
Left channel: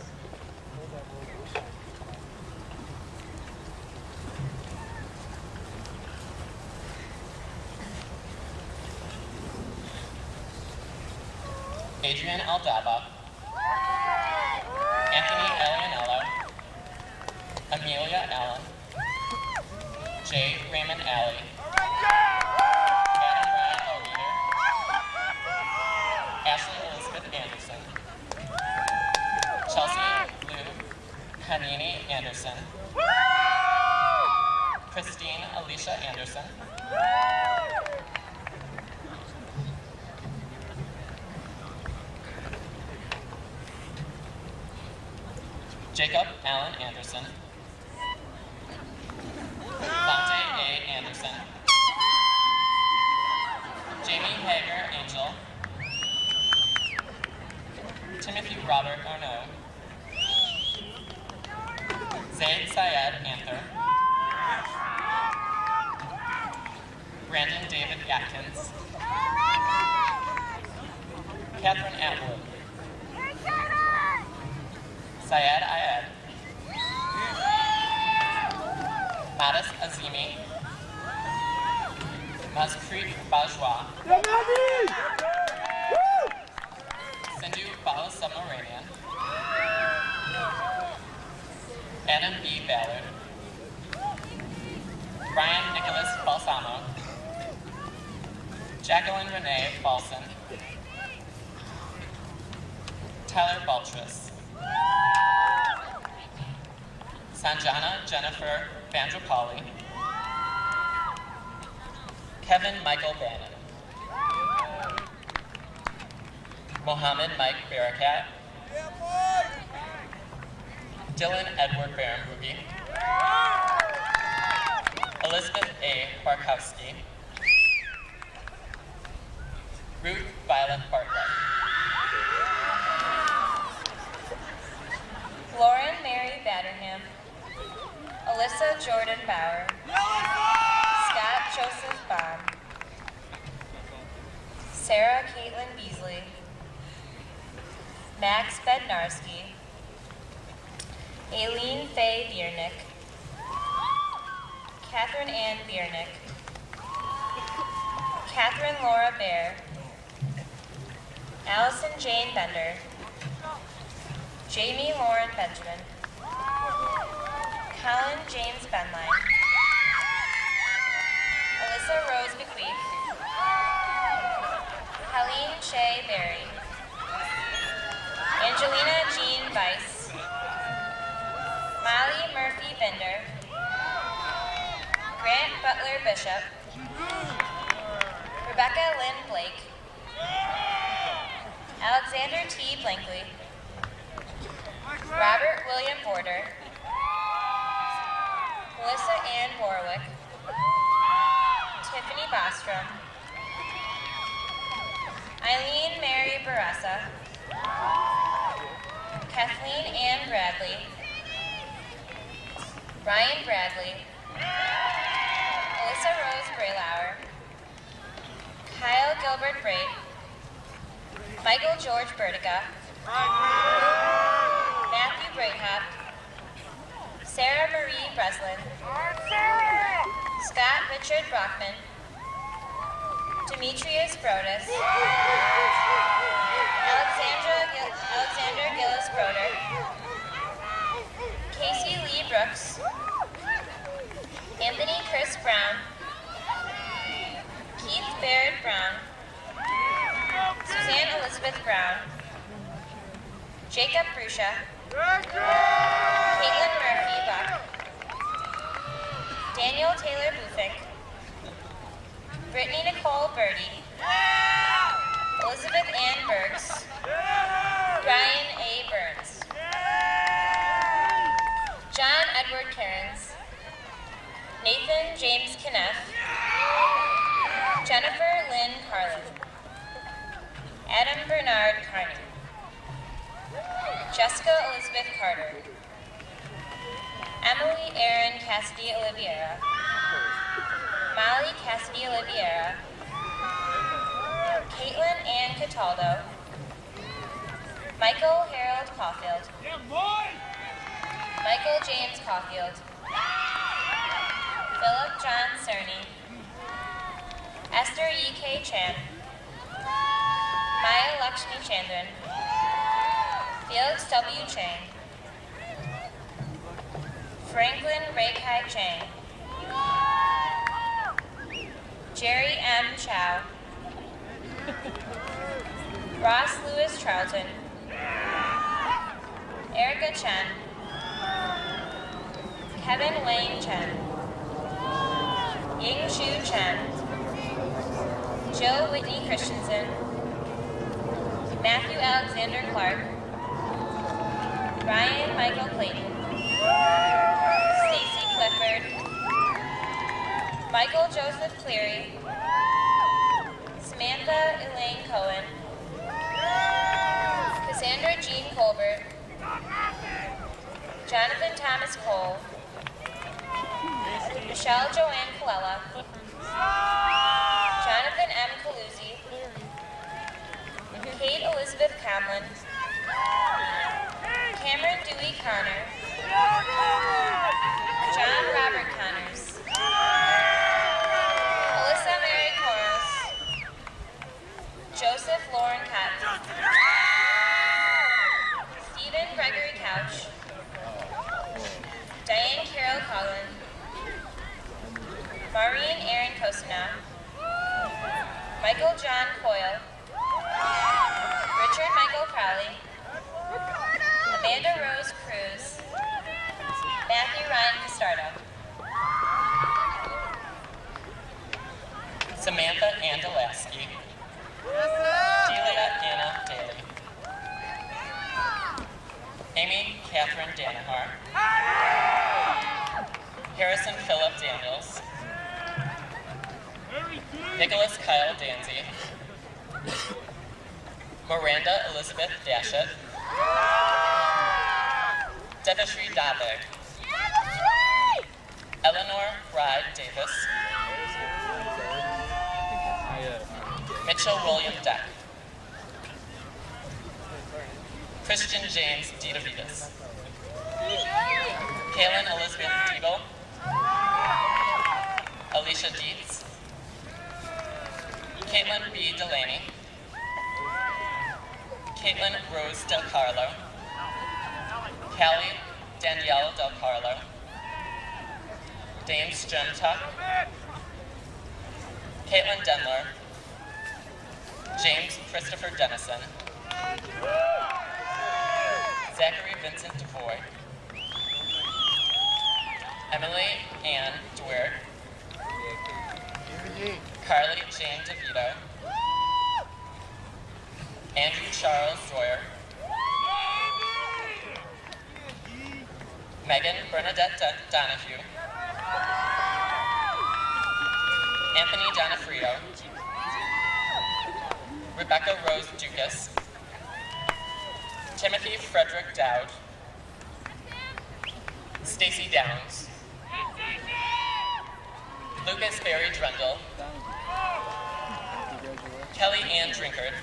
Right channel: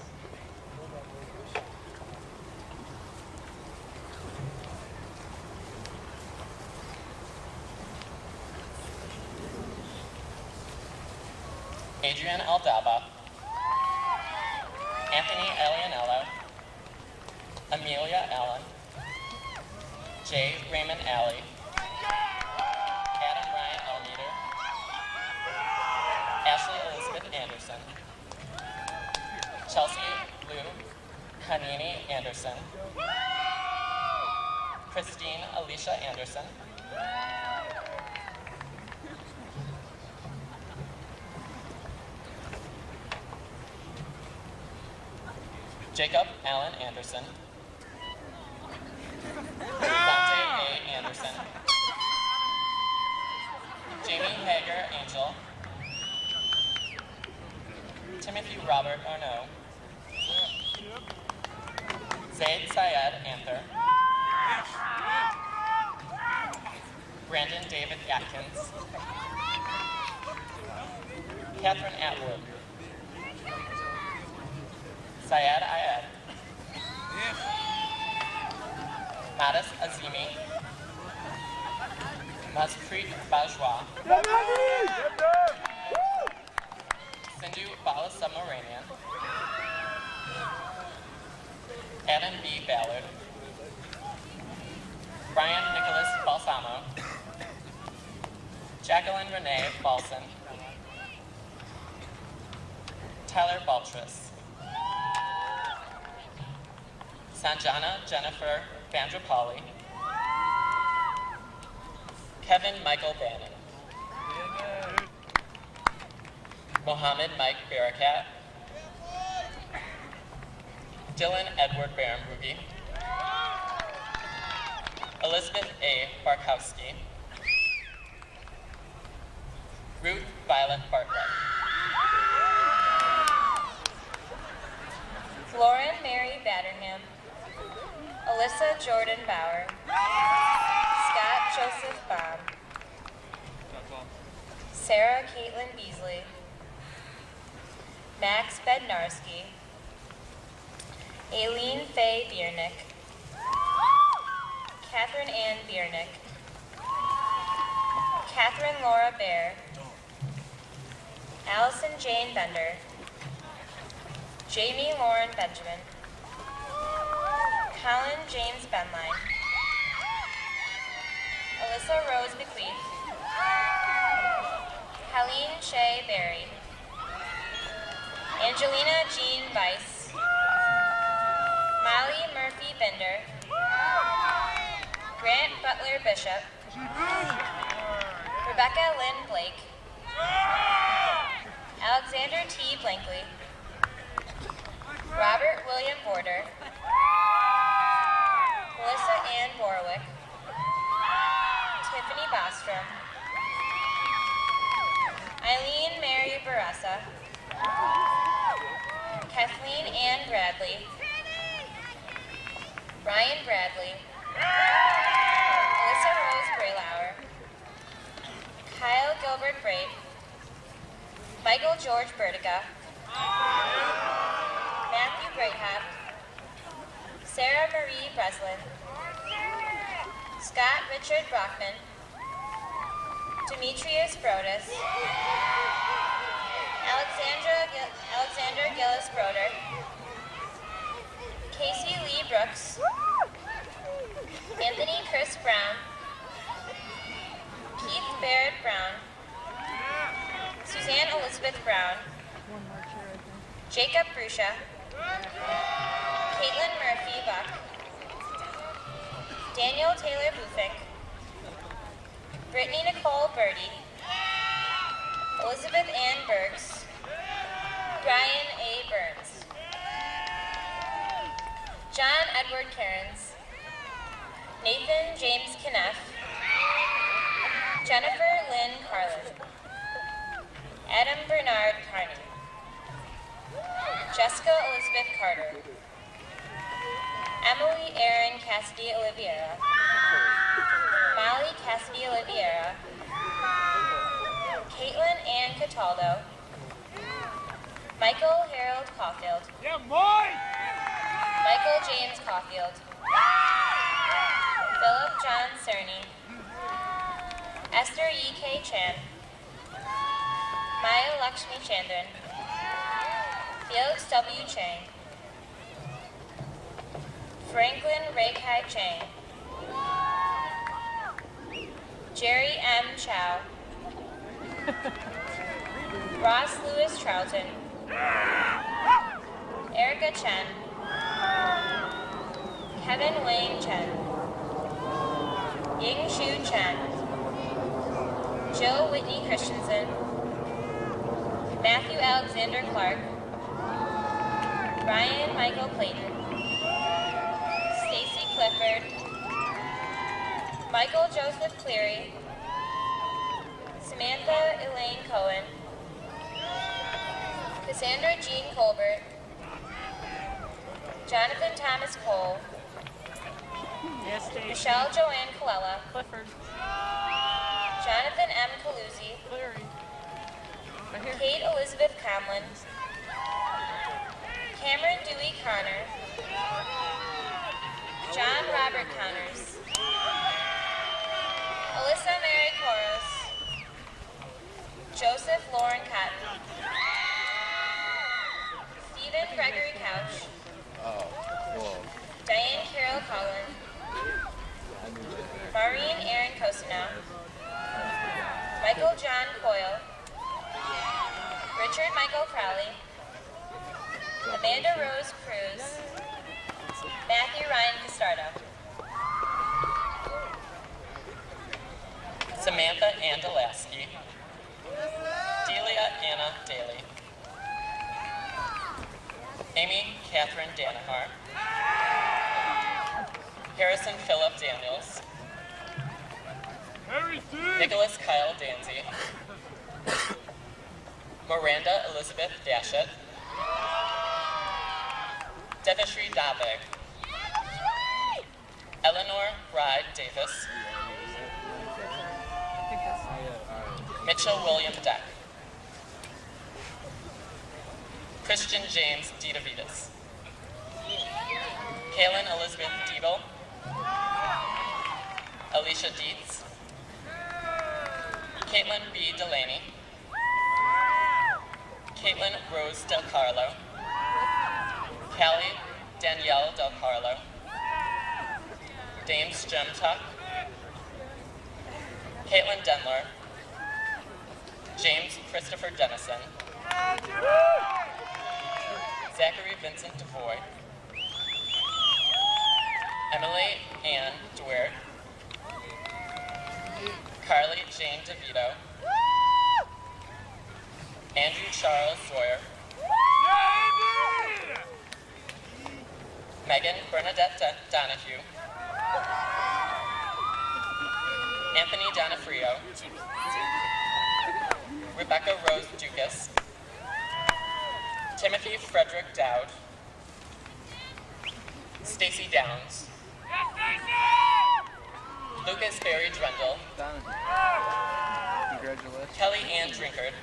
Adrian Aldaba, Anthony Alianello, Amelia Allen, J. Raymond Alley, Adam Ryan Elmeter, Ashley Elizabeth Anderson, Chelsea Lou Kanini Anderson, Christine Alicia Anderson, Jacob Allen Anderson, Dante A. Anderson, Jamie Hager Angel, Timothy Robert Arnaud, Zaid Syed Anther, Brandon David Atkins, Catherine Atwood, Syed Ayed, Madis Azimi, Mazpreet Bajwa, Sindhu Balasamaranian, Adam B. Ballard, Brian Nicholas Balsamo, Jacqueline Renee Balson, Tyler Baltris, Sanjana Jennifer Vandrapalli, Kevin Michael Bannon, Mohammed Mike Barakat, Dylan Edward Barenboogie, Elizabeth A. Barkowski, Ruth Violet Bartlett, Lauren Mary Batterham, Alyssa Jordan Bauer, Scott Joseph Baum, Sarah Caitlin Beasley, Max Bednarski, Aileen Faye Biernick, Catherine Ann Biernick, Catherine Laura Bear, Allison Jane Bender, Jamie Lauren Benjamin, Colin James Benline, Alyssa Rose Bequeath, Helene Shea Berry, Angelina Jean Weiss, Molly Murphy Binder, Grant Butler Bishop, Rebecca Lynn Blake, Alexander T. Blankley, Robert William Border, Melissa Ann Borwick, Tiffany Bostrom, Eileen Mary Barassa, Kathleen Ann Bradley, Ryan Bradley, Alyssa Rose Braylauer, Kyle Gilbert Braid, Michael George Burdica, Matthew Breithaupt, Sarah Marie Breslin, Scott Richard Brockman, Demetrius Brodus, Alexander Gillis Broder, Brooks, Anthony Chris Brown, Keith Baird Brown, Suzanne Elizabeth Brown, Jacob Brusha, Caitlin Murphy Buck, Daniel Taylor Bufink, Brittany Nicole Birdie, Elizabeth Ann Bergs, Brian A. Burns, John Edward Cairns, Nathan James Kneff, Jennifer Lynn Carlin, Adam Bernard Carney, Jessica Elizabeth Carter, Emily Erin Cassidy Oliveira, Molly Cassidy Oliveira, Caitlin Ann Cataldo, Michael Harold Caulfield, Michael James Caulfield, Philip John Cerny, Esther E.K. Chan, Maya Lakshmi Chandran, Felix W. Chang, Franklin Ray-Kai Chang, Jerry M. Chow, Ross Lewis Charlton, Erica Chen, Kevin Wayne Chen, Ying Shu Chen, Joe Whitney Christensen, Matthew Alexander Clark, Ryan Michael Clayton, Stacy Clifford, Michael Joseph Cleary, Samantha Elaine Cohen, Cassandra Jean Colbert, Jonathan Thomas Cole, Michelle Joanne Colella, Jonathan M. Caluzzi, Kate Elizabeth Comlin, Cameron Dewey Connor, John Robert Connors, Alyssa Mary Koros, Joseph Lauren Cotton, Stephen Gregory Couch, Diane Carol Collin, Maureen Aaron Cosina, Michael John Coyle, Richard Michael Crowley, Amanda Rose Cruz, Matthew Ryan Castardo, Samantha Ann Delaski, Delia Anna Daly, Amy Catherine Danaher, Harrison Philip Daniels, Nicholas Kyle Danzy, Miranda Elizabeth Dashett, Devashri Dave, Eleanor Bride Davis, Mitchell William Deck, Christian James DeDavidas, Kaylin Elizabeth Diebel, Alicia Dietz, Caitlin B. Delaney, Caitlin Rose Del Carlo, Callie Danielle Del Carlo, Dame Stremtuck, Caitlin Denler, James Christopher Dennison, Zachary Vincent DeVoy, Emily Ann Dwyer, Carly Jane DeVito, Andrew Charles Zoyer, Megan Bernadette Donahue, Anthony Donofrio, Rebecca Rose Dukas, Timothy Frederick Dowd, Stacy Downs, Lucas Barry Drundle, Kelly Ann Drinkard,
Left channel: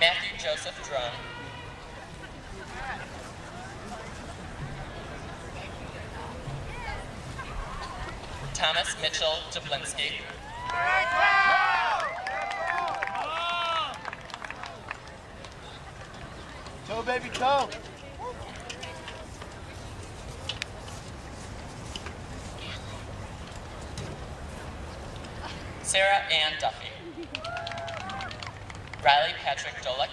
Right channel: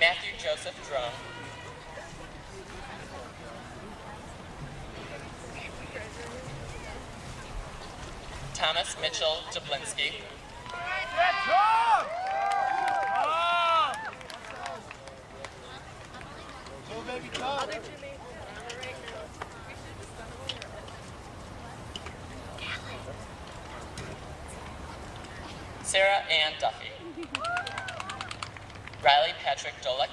Matthew Joseph Drone, Thomas Mitchell Jablinski, Go, baby, go. Sarah Ann Duffy. Riley Patrick Dolick.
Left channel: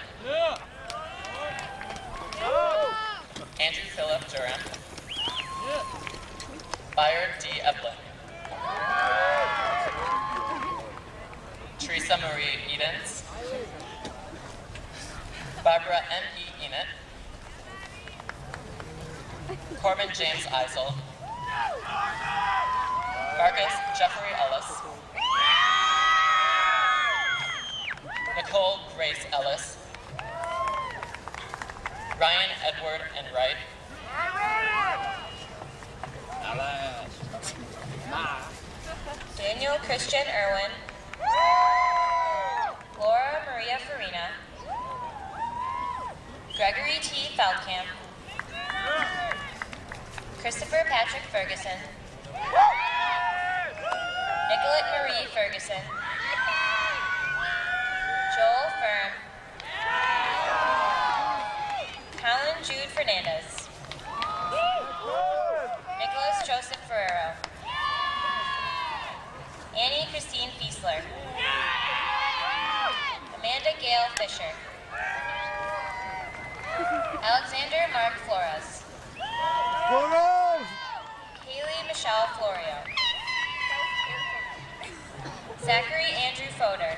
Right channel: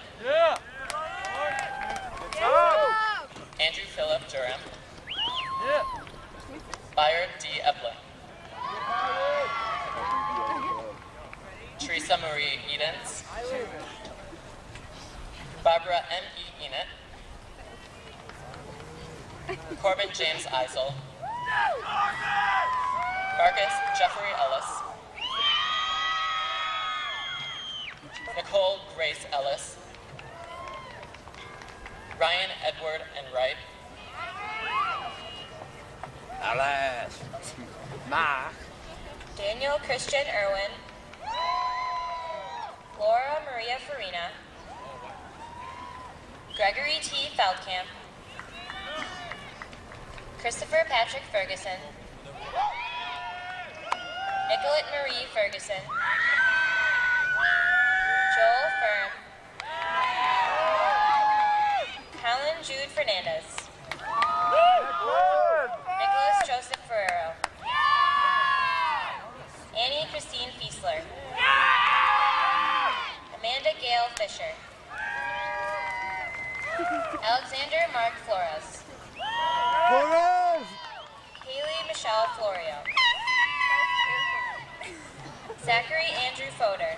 Andrew Philip Durham. Byard D. Eblin. Teresa Marie Edens. Barbara M. E. Enid. Corbin James Eisel. Marcus Jeffrey Ellis. Nicole Grace Ellis. Ryan Edward Enright. Alice. Ma. Daniel Christian Irwin. Laura Maria Farina. Gregory T. Feldkamp. Christopher Patrick Ferguson. Nicolette Marie Ferguson. Joel Firm. Colin Jude Fernandez. Nicholas Joseph Ferrero. Annie Christine Fiesler. Amanda Gail Fisher. Alexander Mark Flores. Kaylee Michelle Florio. Zachary Andrew Fodor.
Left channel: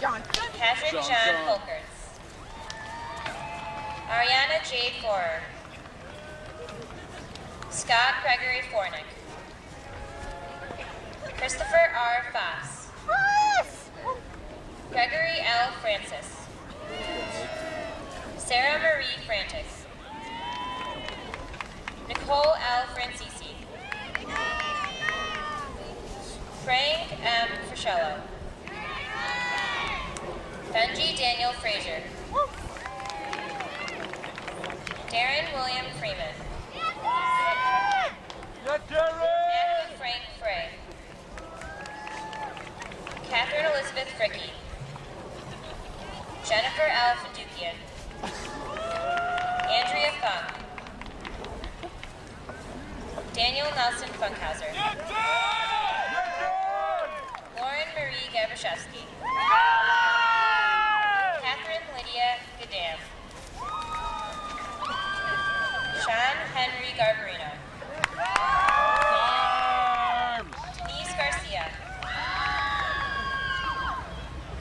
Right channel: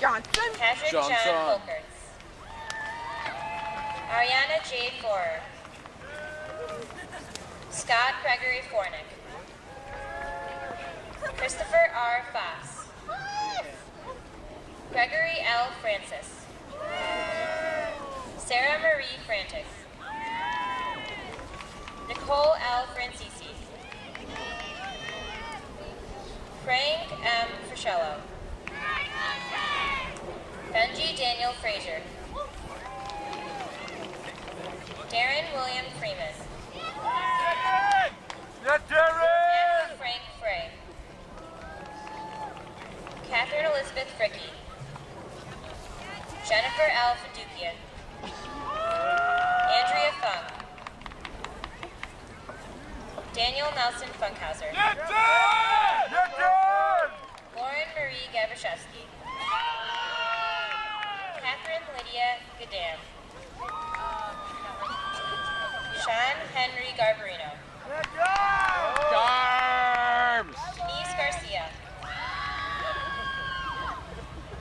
Patrick John Folkers. Ariana Jade Forer. Scott Gregory Fornick. Christopher R. Foss. Gregory L. Francis. Sarah Marie Frantic. Nicole L. Francisi. Frank M. Frischello. Benji Daniel Frazier. Darren William Freeman. Matthew Frank Frey. Catherine Elizabeth Fricky. Jennifer L. Fadukian. Andrea Funk. Daniel Nelson Funkhauser. Lauren Marie Gabraszewski. Catherine Lydia Gadam. Sean Henry Garbarino. Denise Garcia.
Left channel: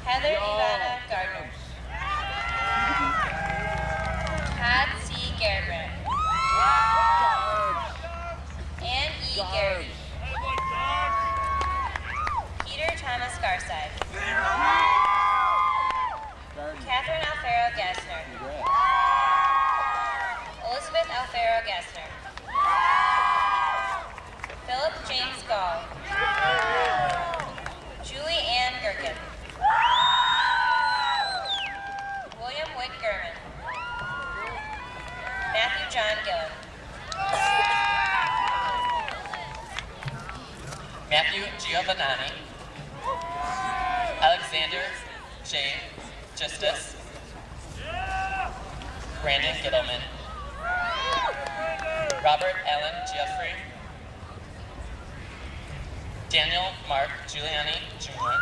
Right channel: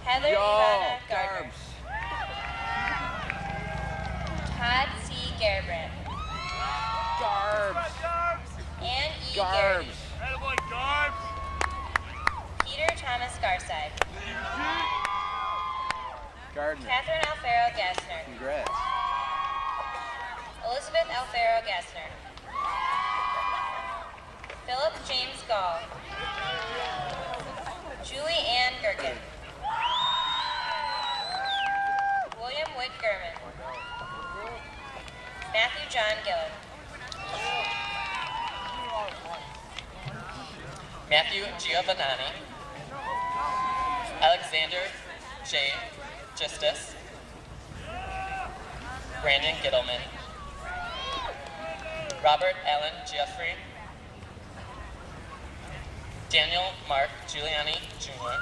Heather Ivana Gardner. Todd C. Gerbrand. Ann E. Garrity. Peter Thomas Garside. Catherine Alfaro Gassner. Elizabeth Alfaro Gassner. Philip James Gall. Julie Ann Gherkin. William Whit Gurman. Matthew John Gillen. Matthew Giovanni. Alexander J. Justice. Brandon Gittleman. Robert Allen Jeffrey. Daniel Mark Giuliani Jr.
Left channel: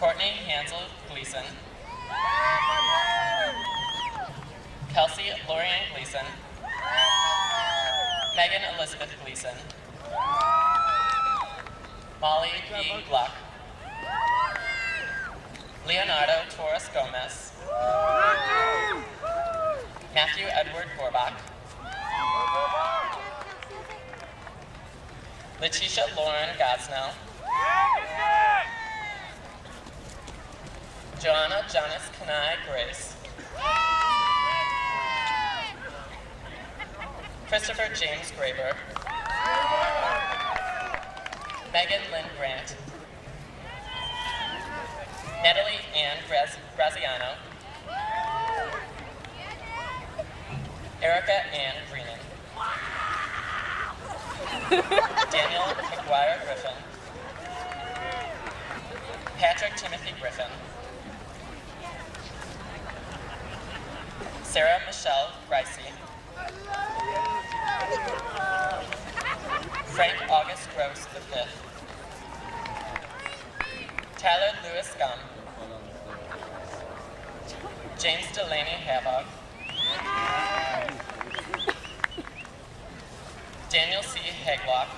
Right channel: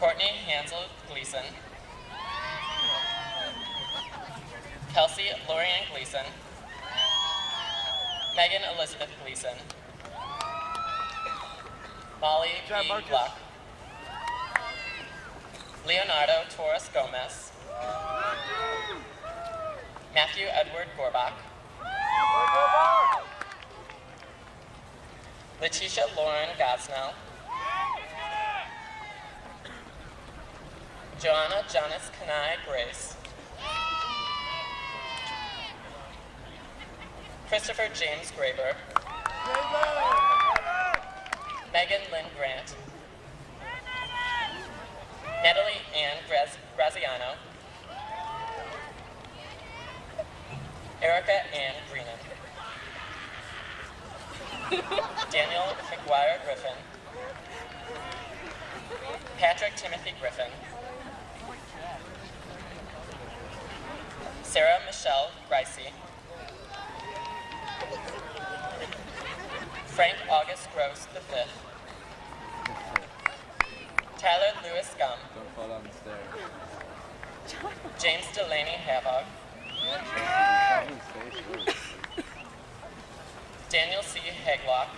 Courtney Hansel Gleason. Kelsey Lorianne Gleason. Megan Elizabeth Gleason. Molly B. Gluck. Leonardo Torres Gomez. Matthew Edward Gorbach. Letitia Lauren Gosnell. Joanna Janice Kanai Grace. Christopher James Graber. Megan Lynn Grant. Natalie Ann Graziano. Erica Ann Greenan. Daniel McGuire Griffin. Patrick Timothy Griffin. Sarah Michelle Gricey. Frank August Gross V. Tyler Lewis Gum. James Delaney Havog. Daniel C. Haglock.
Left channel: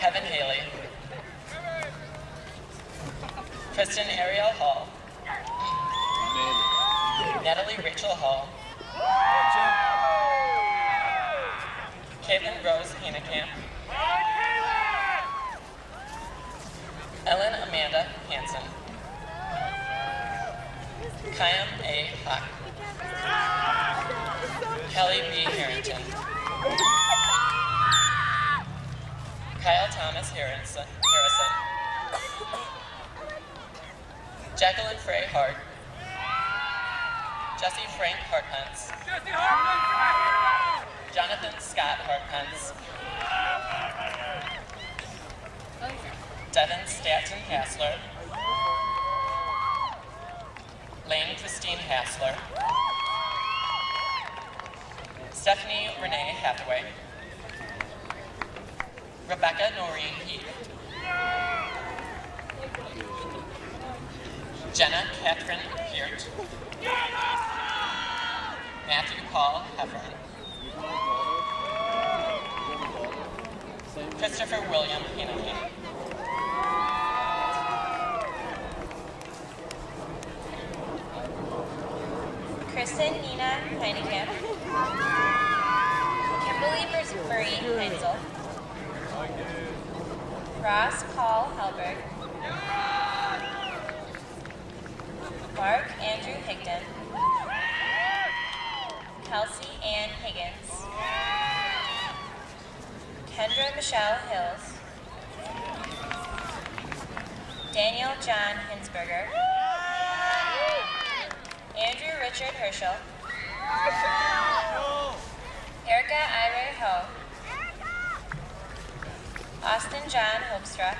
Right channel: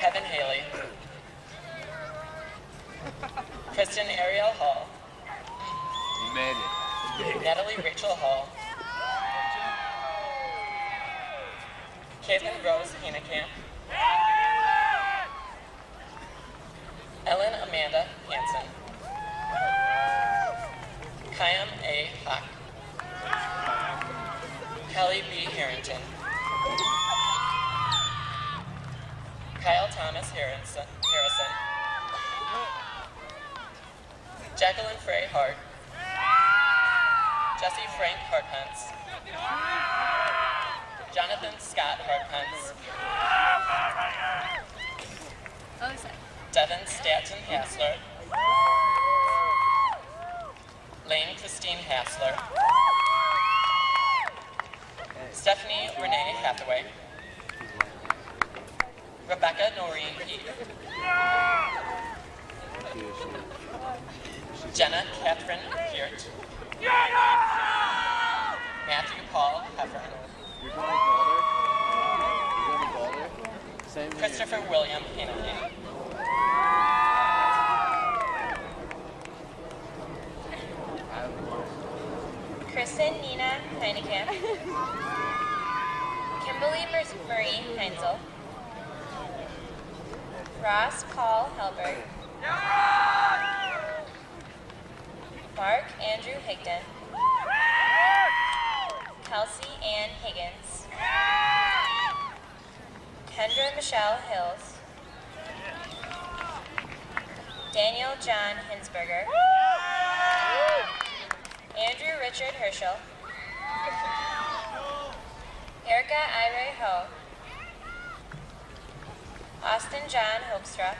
Kevin Haley. Kristen Ariel Hall. Natalie Rachel Hall. Caitlin Rose Hanekamp. Ellen Amanda Hansen. Kyam A. Hock. Kelly B. Harrington. Kyle Thomas Harrison. Jacqueline Frey Hart. Jesse Frank Hartpence. Jonathan Scott Hartpence. Devin Statton Hassler. Lane Christine Hassler. Stephanie Renee Hathaway. Rebecca Noreen Heath. Jenna Catherine Peart. Matthew Paul Heffern. Christopher William Haneke. Kristen Nina Heinekamp. Kimberly Marie Heinzel. Ross Paul Helberg. Mark Andrew Higdon. Kelsey Ann Higgins. Kendra Michelle Hills. Daniel John Hinsberger. Andrew Richard Herschel. Erica Ira Ho. Austin John Hoekstra.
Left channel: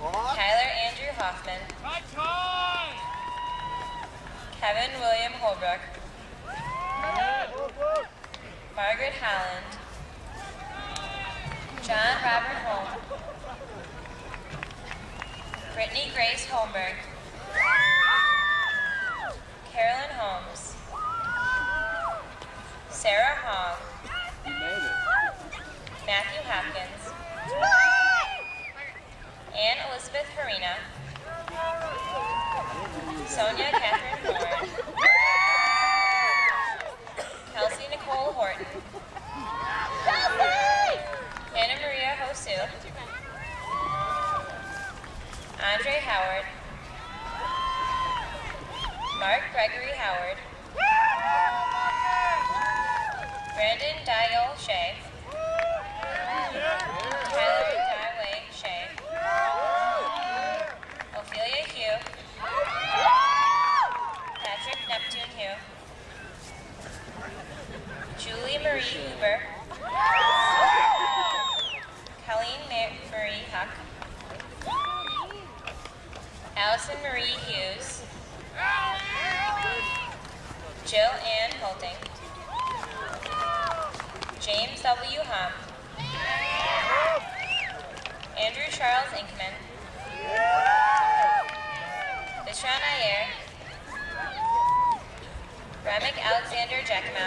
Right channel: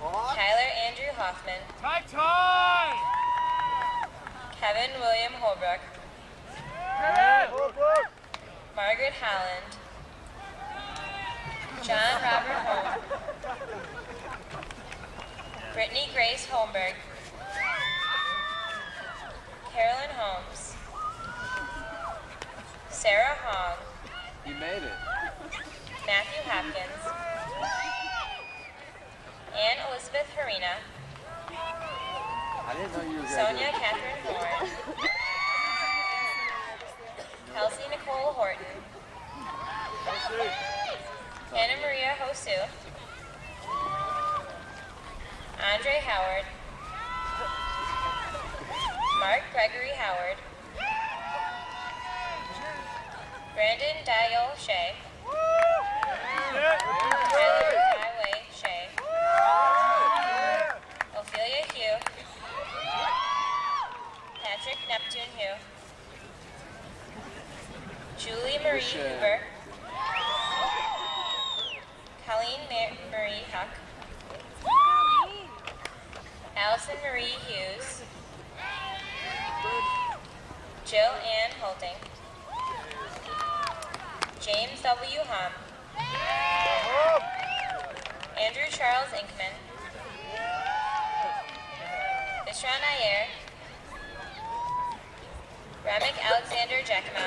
Tyler Andrew Hoffman. Kevin William Holbrook. Margaret Holland. John Robert Holm. Brittany Grace Holmberg. Carolyn Holmes. Sarah Hong. You made it. Matthew Hopkins. Ann Elizabeth Harina. Sonia Catherine Horn. Kelsey Nicole Horton. Anna Maria Hosu. Andre Howard. Mark Gregory Howard. Brandon Dial Shea. Tyler Dyway Shea. Ophelia Hugh. Patrick Neptune Hugh. Julie Marie Huber. Colleen Marie Huck. Allison Marie Hughes. Jill Ann Holting. James W. Hum. Andrew Charles Inkman. Vishran Iyer. Ramek Alexander Giacomo.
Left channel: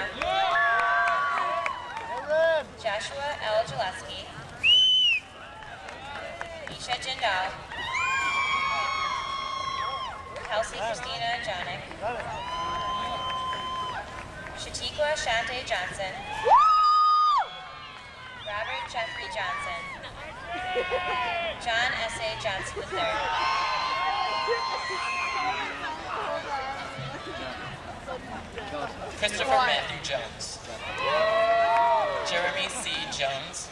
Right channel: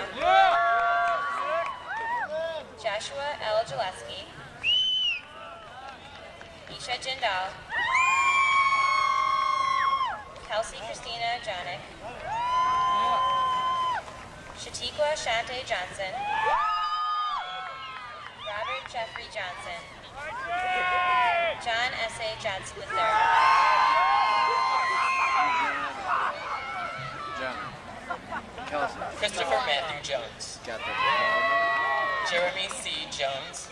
Joshua L. Gillespie. Isha Jindal. Kelsey Christina Jonick. Shatikwa Shante Johnson. Robert Jeffrey Johnson. John S.A. Johnson III. Christopher Matthew Jones. Jeremy C. Jones.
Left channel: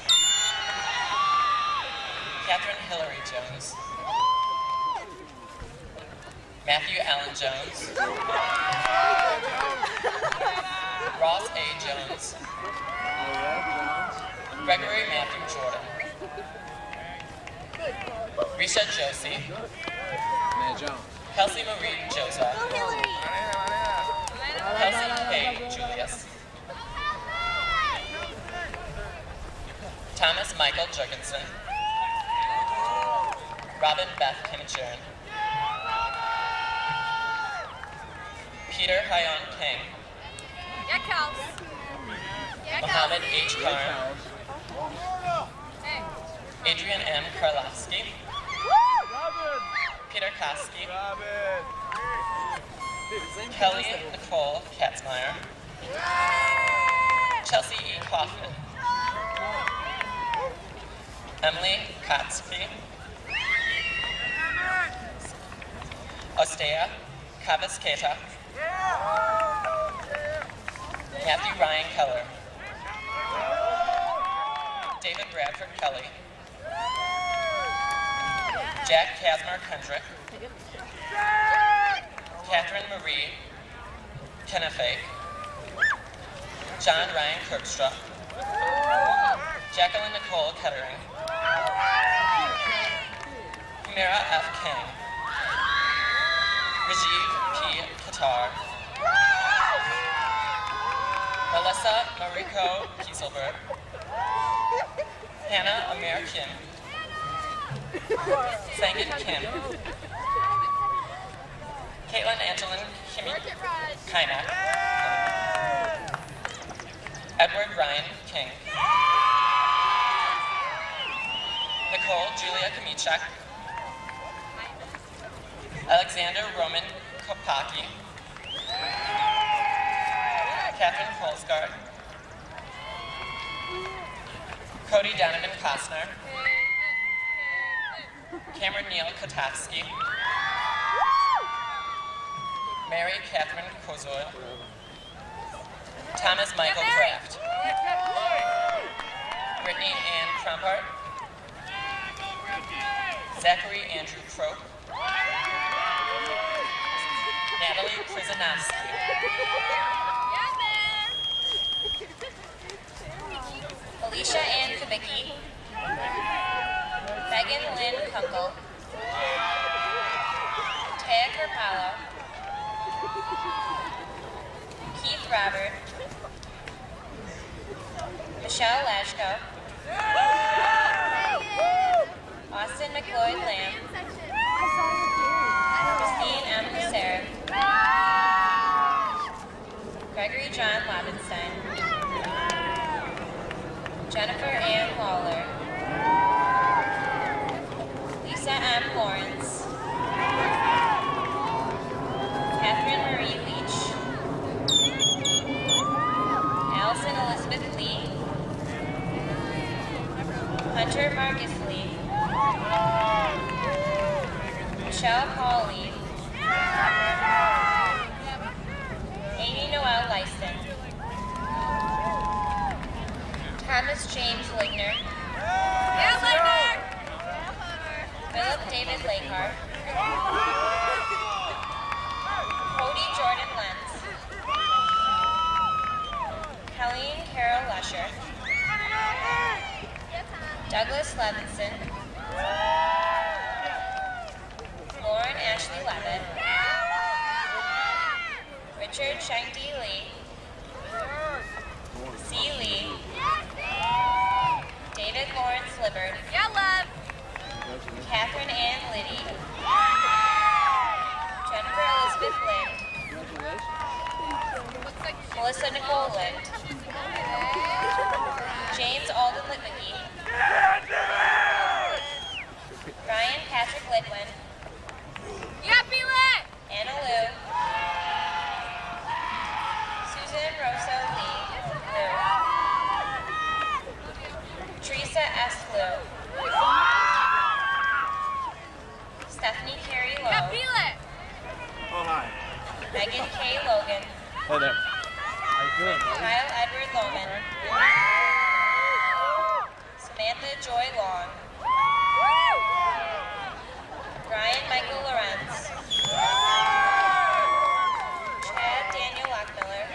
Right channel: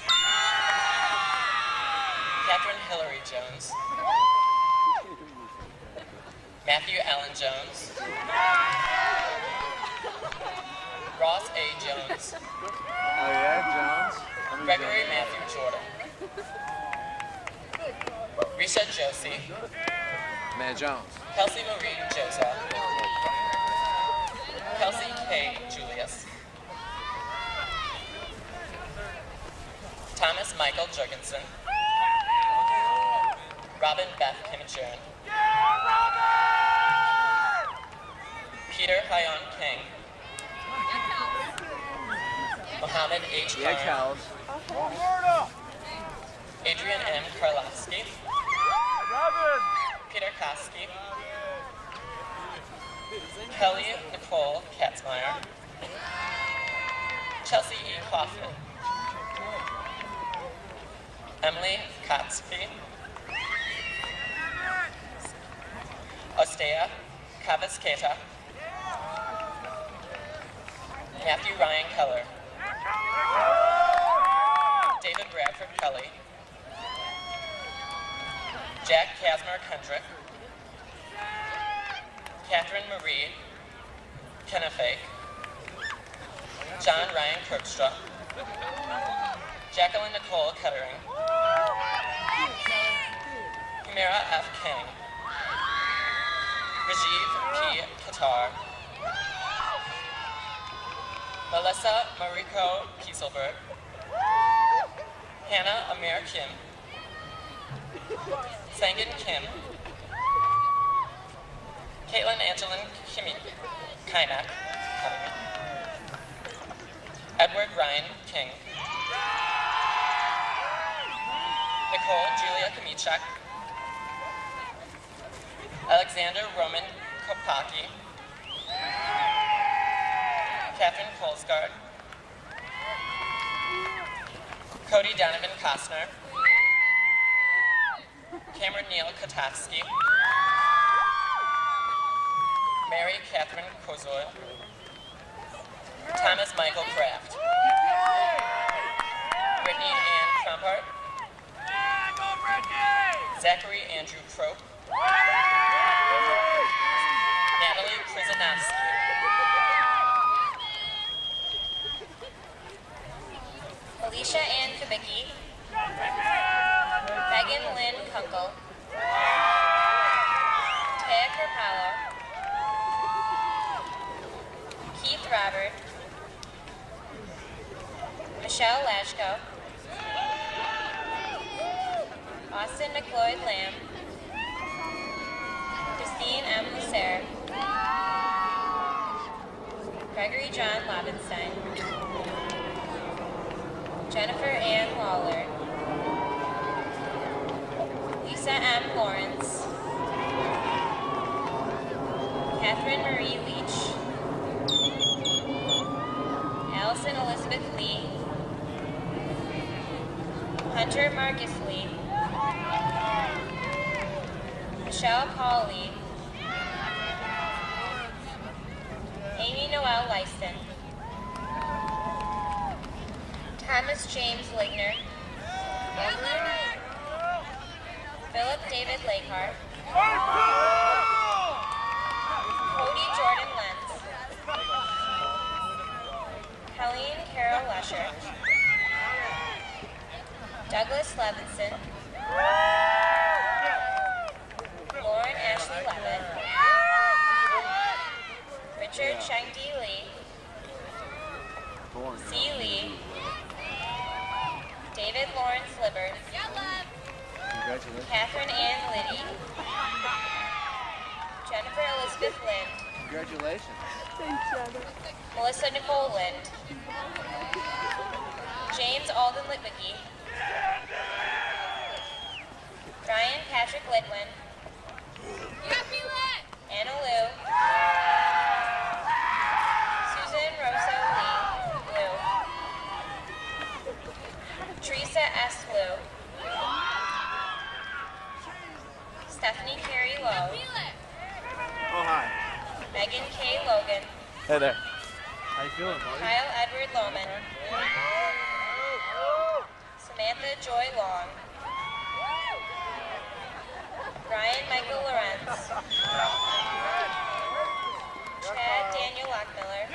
Catherine Hillary Jones. Matthew Allen Jones. Ross A. Jones. Gregory Matthew Jordan. Risha Josie. Man Jones. Kelsey Marie Joseph. Kelsey K. Julius. Thomas Michael Jurgensen. Robin Beth Kimichiran. Peter Hyon King. Mohammed H. Karn. Adrian M. Karlowski. Peter Koski. Kelly Nicole Katzmeyer. Chelsea E. Kaufman. Emily Kotsky. Ostea Kavasketa. Matthew Ryan Keller. David Bradford Kelly. Jack Kasmer Kendrick. Catherine Marie Kennefake. John Ryan Kirkstra. Jacqueline Nicole Kettering. Humira F. King. Rajiv P. Qatar. Melissa Mariko Kieselberg. Hannah Amir Kim. Sangan Kim. Caitlin Angelin Kainak. Edward Ryan King. Nicole Julia Kamichak. Alexander Roman Kopaki. Catherine Kolsgaard. Cody Donovan Kostner. Cameron Neal Katowski. Mary Catherine Kozoil. Thomas Michael Kraft. Brittany Ann Crumpart. Zachary Andrew Crope. Natalie Krizanovsky. Alicia Ann Kubicki. Megan Lynn Kunkel. Taya Carpalo. Keith Robert. Michelle Lashko. Austin McLeod Lamb. Christine M. Lucero. Gregory John Lobenstein. Jennifer Ann Lawler. Lisa M. Lawrence. Catherine Marie Leach. Allison Elizabeth Lee. Hunter Marcus Lee. Michelle Pauli. Amy Noel Lyston. Thomas James Ligner. Philip David Lakehart. Cody Jordan Lenz. Colleen Carol Lesher. Douglas Levinson. Lauren Ashley Levitt. Richard Shangdi Lee. C. Lee. David Lawrence Libbard. Catherine Ann Liddy. Jennifer Elizabeth Lind. Melissa Nicole Lind. James Alden Litwicki. Ryan Patrick Lidwin. Anna Lou. Susan Rosso Lee. Lou. Teresa S. Lou. Stephanie Carey Lowe. Oh, hi. Megan K. Logan. Hey there. How you feeling, buddy? Kyle Edward Lohman. Samantha Joy Long. Brian Michael Lorenz. Chad Daniel Lockmiller.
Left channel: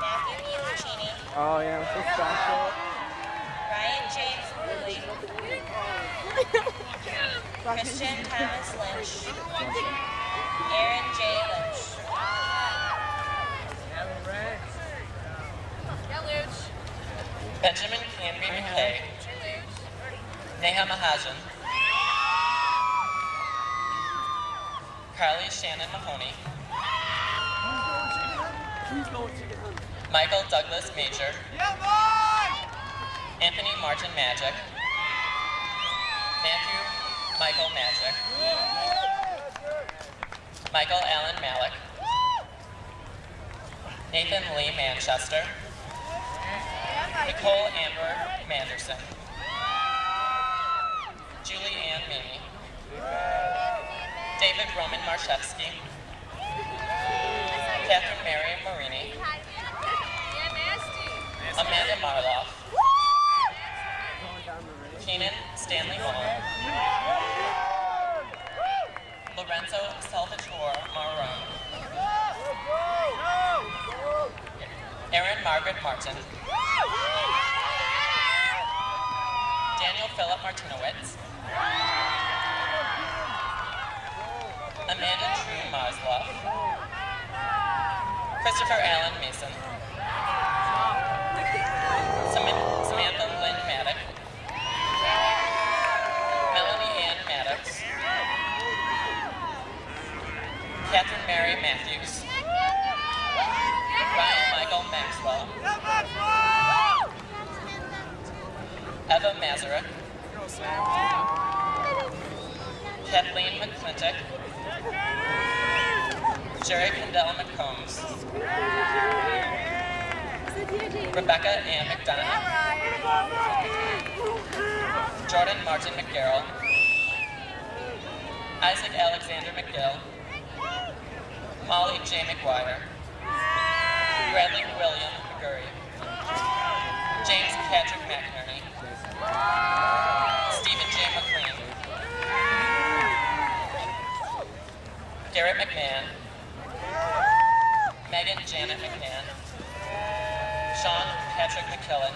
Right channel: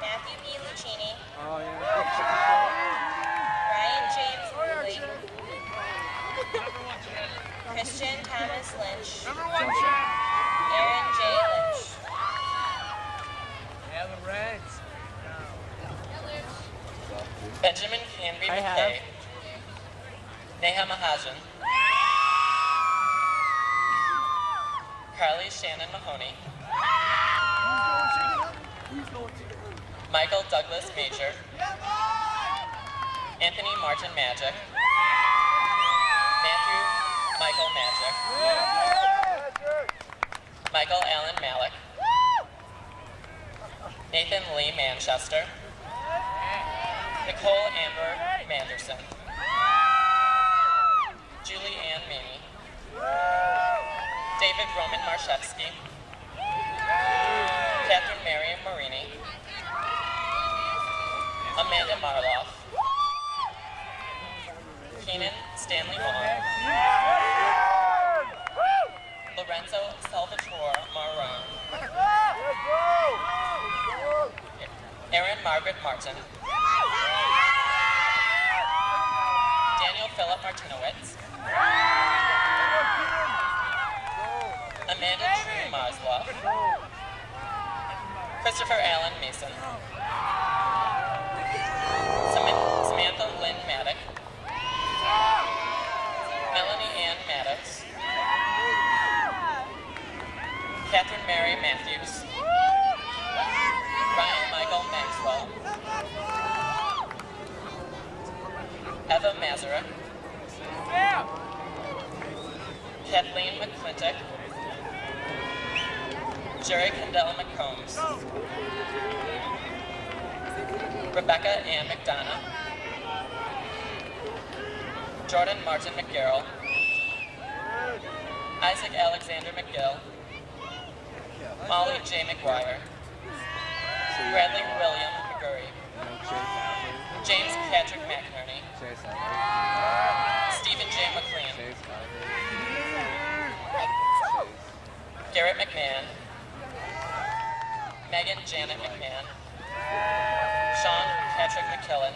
Matthew E. Lucchini. Oh, yeah. What's that? Ryan James Woolley. Christian Thomas Lynch. Aaron J. Lynch. Benjamin Canby McKay, Neha Mahajan, Carly Shannon Mahoney, Michael Douglas Major, Anthony Martin Magic, Matthew Michael Magic, Michael Allen Malik, Nathan Lee Manchester, Nicole Amber Manderson, Julie Ann Mamie, David Roman Marshevsky, Catherine Mary Marini, Amanda Marloff, Keenan Stanley Vaughn, Lorenzo Salvatore Marone, Erin Margaret Martin, Daniel Philip Martinowitz, Amanda Drew Marsloff, Christopher Allen Mason, Samantha Lynn Maddock, Melanie Ann Maddox, Catherine Mary Matthews, Ryan Michael Maxwell, Eva Mazurek, Kathleen McClintock, Jerry Kendall McCombs, Rebecca Ann McDonough, Jordan Martin McGarrell, Isaac Alexander McGill, Molly J. McGuire, Bradley William McGurry, James Patrick McInerney, Stephen J. McLean, Garrett McMahon, Megan Janet McMahon, Sean Patrick McKillen,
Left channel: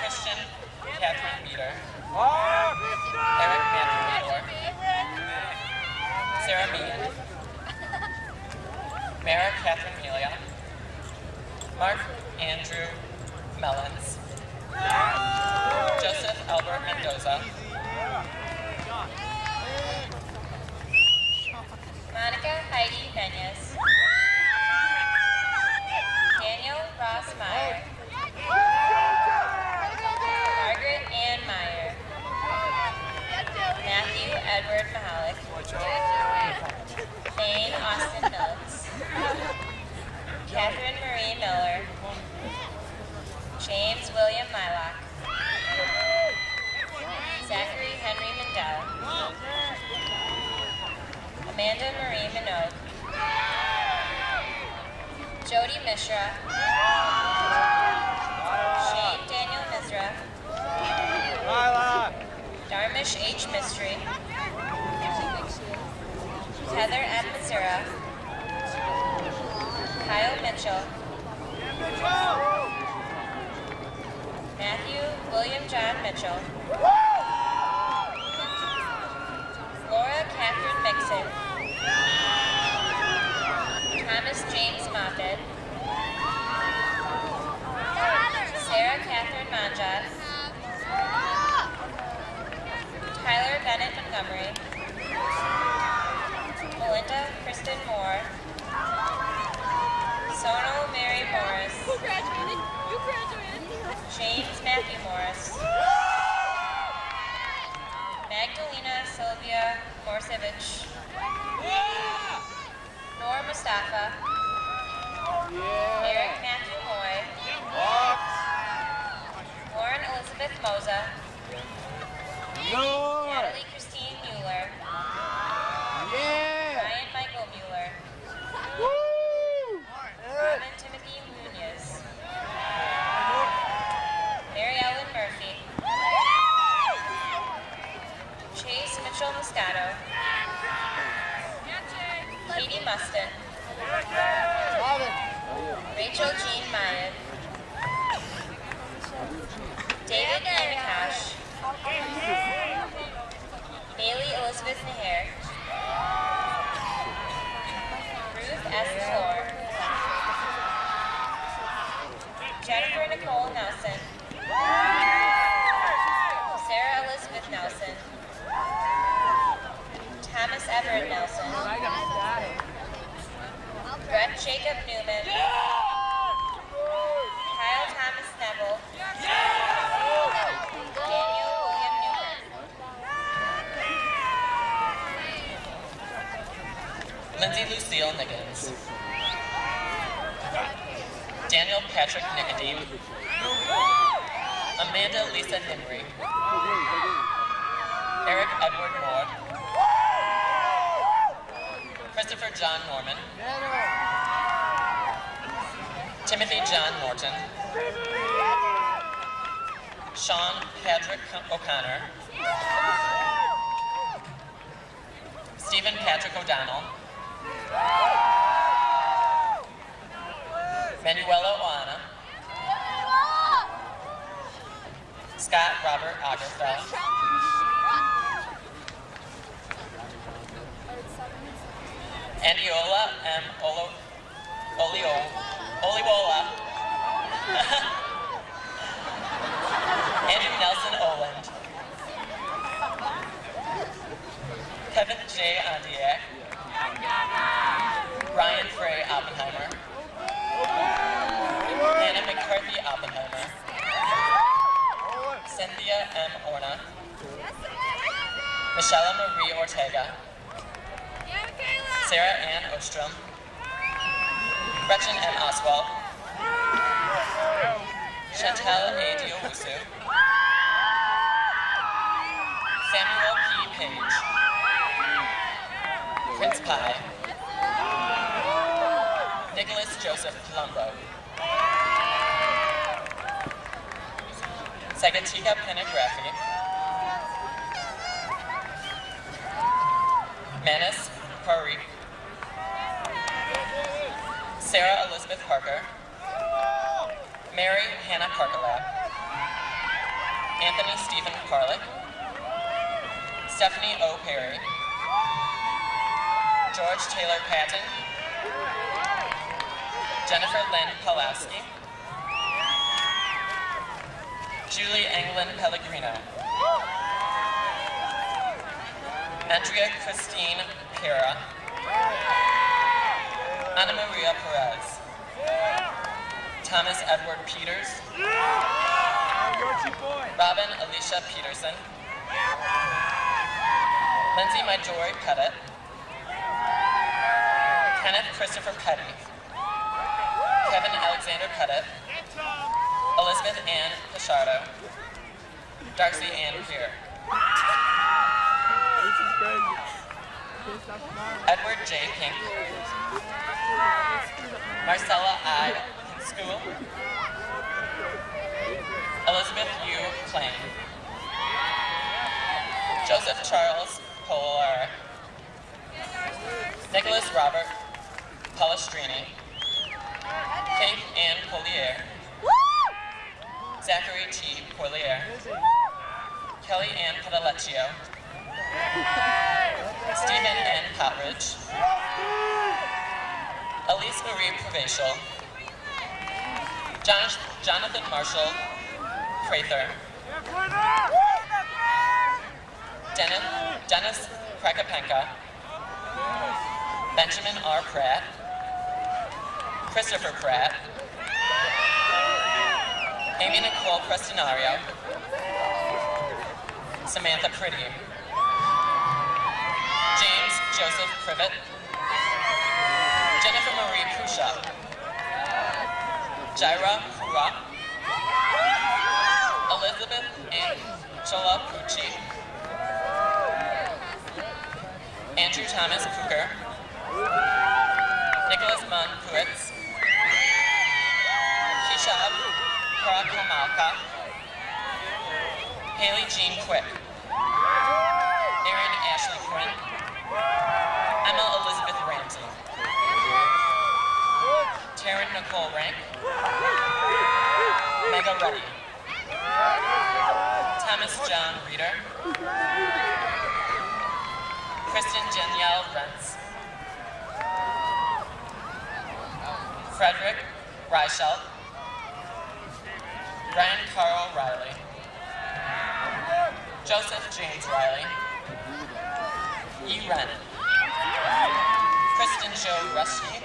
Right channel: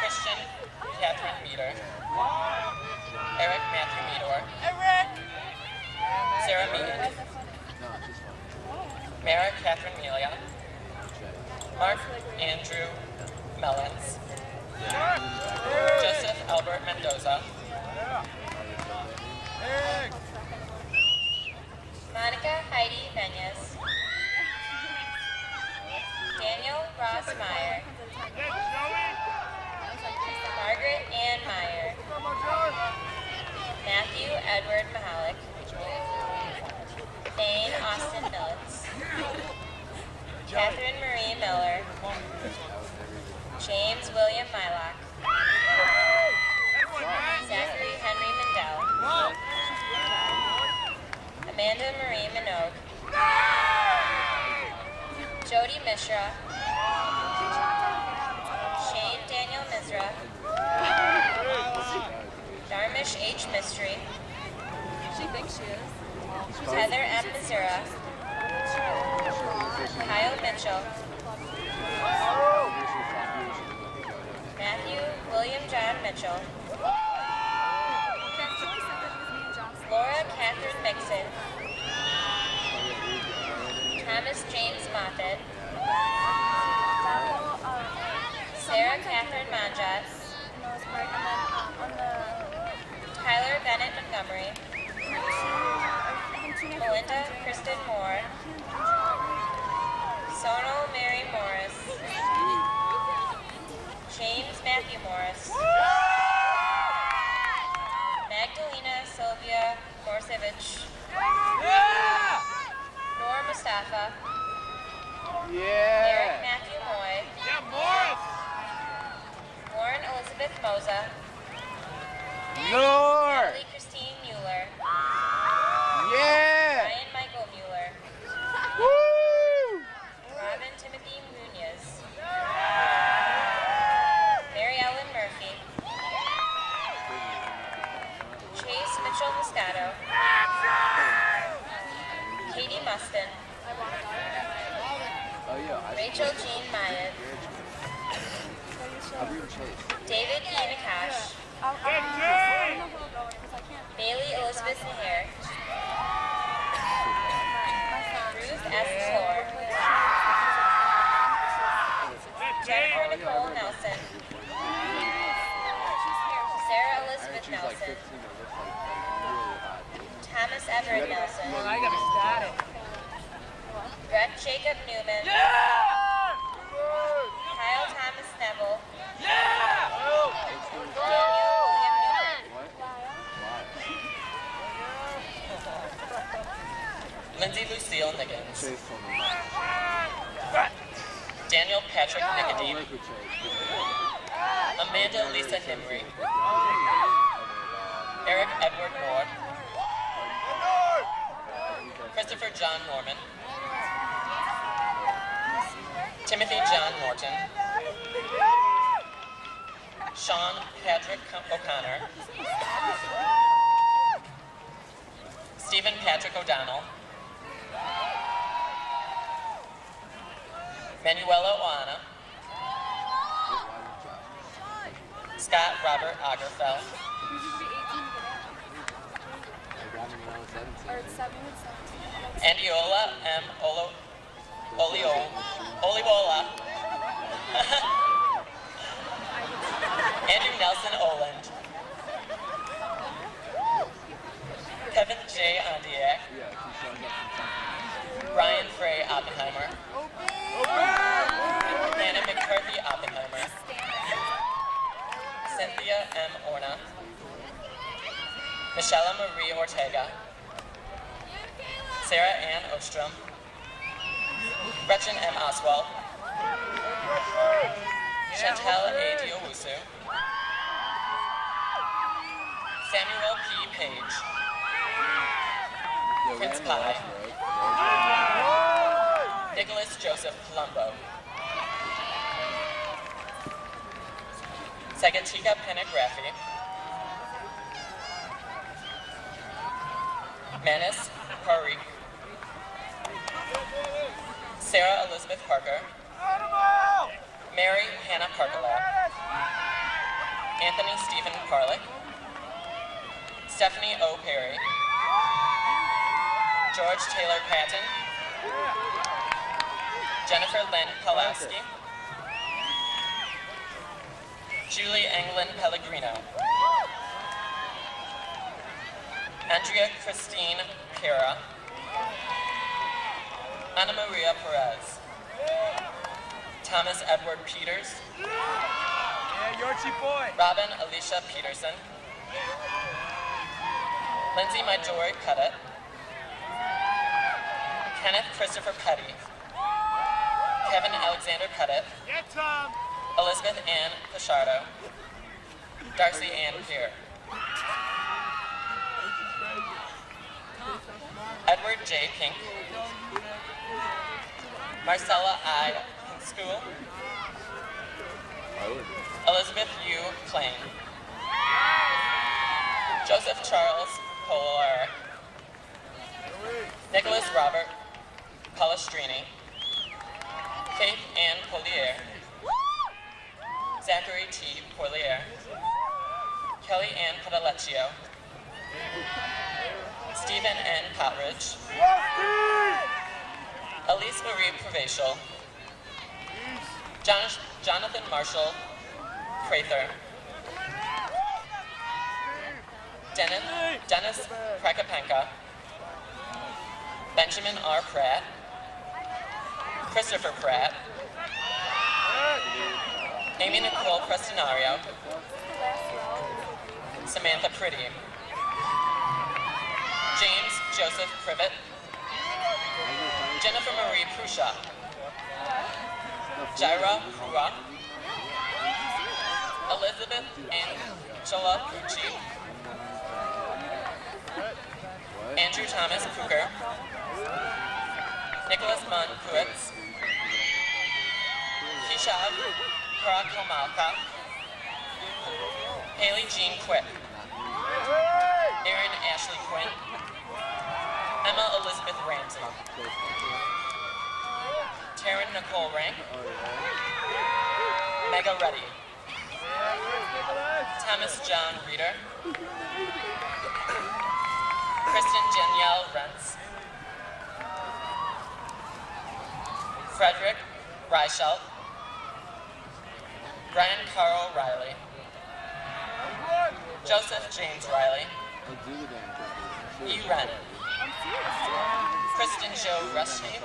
Christian Catherine Meader, Eric Matthew Meador, Sarah Meehan, Mara Catherine Melia, Mark Andrew Mellons, Joseph Albert Mendoza, Monica Heidi Menyes, Daniel Ross Meyer, Margaret Ann Meyer, Matthew Edward Mahalik, Thane Austin Phillips, Catherine Marie Miller, James William Mylock, Zachary Henry Mendel, Amanda Marie Minogue, Jody Mishra, Shane Daniel Misra, Darmish H. Mystery, Heather M. Missoura, Kyle Mitchell, Matthew William John Mitchell, Laura Catherine Mixon, Thomas James Moffett, Sarah Catherine Monjot, Tyler Bennett Montgomery, Melinda Kristen Moore, Sonal Mary Morris, James Matthew Morris, Magdalena Sylvia Morsevich, Noor Mustafa, Eric Matthew Moy, Lauren Elizabeth Moza, Natalie Christine Mueller, Ryan Michael Mueller, Robin Timothy Munoz, Mary Ellen Murphy, Chase Mitchell Moscato, Katie Mustin, Rachel Jean Mayan, David E. Nakash, Bailey Elizabeth Naher, Ruth S. Delore, Jennifer Nicole Nelson. Sarah Elizabeth Nelson. Thomas Everett Nelson. Brett Jacob Newman. Kyle Thomas Neville. Daniel William Newman. Lindsay Lucille Niggins. Daniel Patrick Nicodeme. Amanda Lisa Nimri. Eric Edward Nord. Christopher John Norman. Timothy John Morton. Sean Patrick O'Connor. Stephen Patrick O'Donnell. Manuela Oana. Scott Robert Agerfeld. Andiola M. Oliwola. Andrew Nelson Oland. Kevin J. Ondiak. Brian Frey Oppenheimer. Anna McCarthy Oppenheimer. Cynthia M. Orna. Michelle Marie Ortega. Sarah Ann Ostrom. Gretchen M. Oswald. Chantel A. Diowusu. Samuel P. Page. Prince Pi. Nicholas Joseph Palumbo. Sagatika Panagraphy. Manis Parikh. Sarah Elizabeth Parker. Mary Hannah Parkalab. Anthony Stephen Parlick. Stephanie O. Perry. George Taylor Patton. Jennifer Lynn Pawlowski. Julie Englund Pellegrino. Andrea Christine Pera. Ana Maria Perez. Thomas Edward Peters. Robin Alicia Peterson. Lindsay Majori Pettit. Kenneth Christopher Petty. Kevin Alexander Pettit. Elizabeth Ann Pichardo. Darcy Ann Peer. Edward J. Pink. Marcella I. School. Elizabeth U. Plain. Joseph Charles Polaric. Nicholas Robert Palestrini. Faith Ann Polier. Zachary T. Polier. Kelly Ann Padalecchio. Stephen N. Potridge. Elise Marie Provincial. Jonathan Marshall Prather. Dennis Prakapenka. Benjamin R. Pratt. Christopher Pratt. Amy Nicole Prestinario. Samantha Pretty. James Joseph Privet. Jennifer Marie Prusha. Jaira Hua. Elizabeth Angela Pucci. Andrew Thomas Puker. Nicholas Munn Puitz. Keshab Parakomalka. Haley Jean Quick. Erin Ashley Quinn. Emma Elizabeth Ramsey. Taryn Nicole Rank. Mega Reddy. Thomas John Reeder. Kristen Danielle Rentz. Frederick Reichelt. Ryan Carl Riley. Joseph James Riley. E. Wren. Kristen Jo Rushke.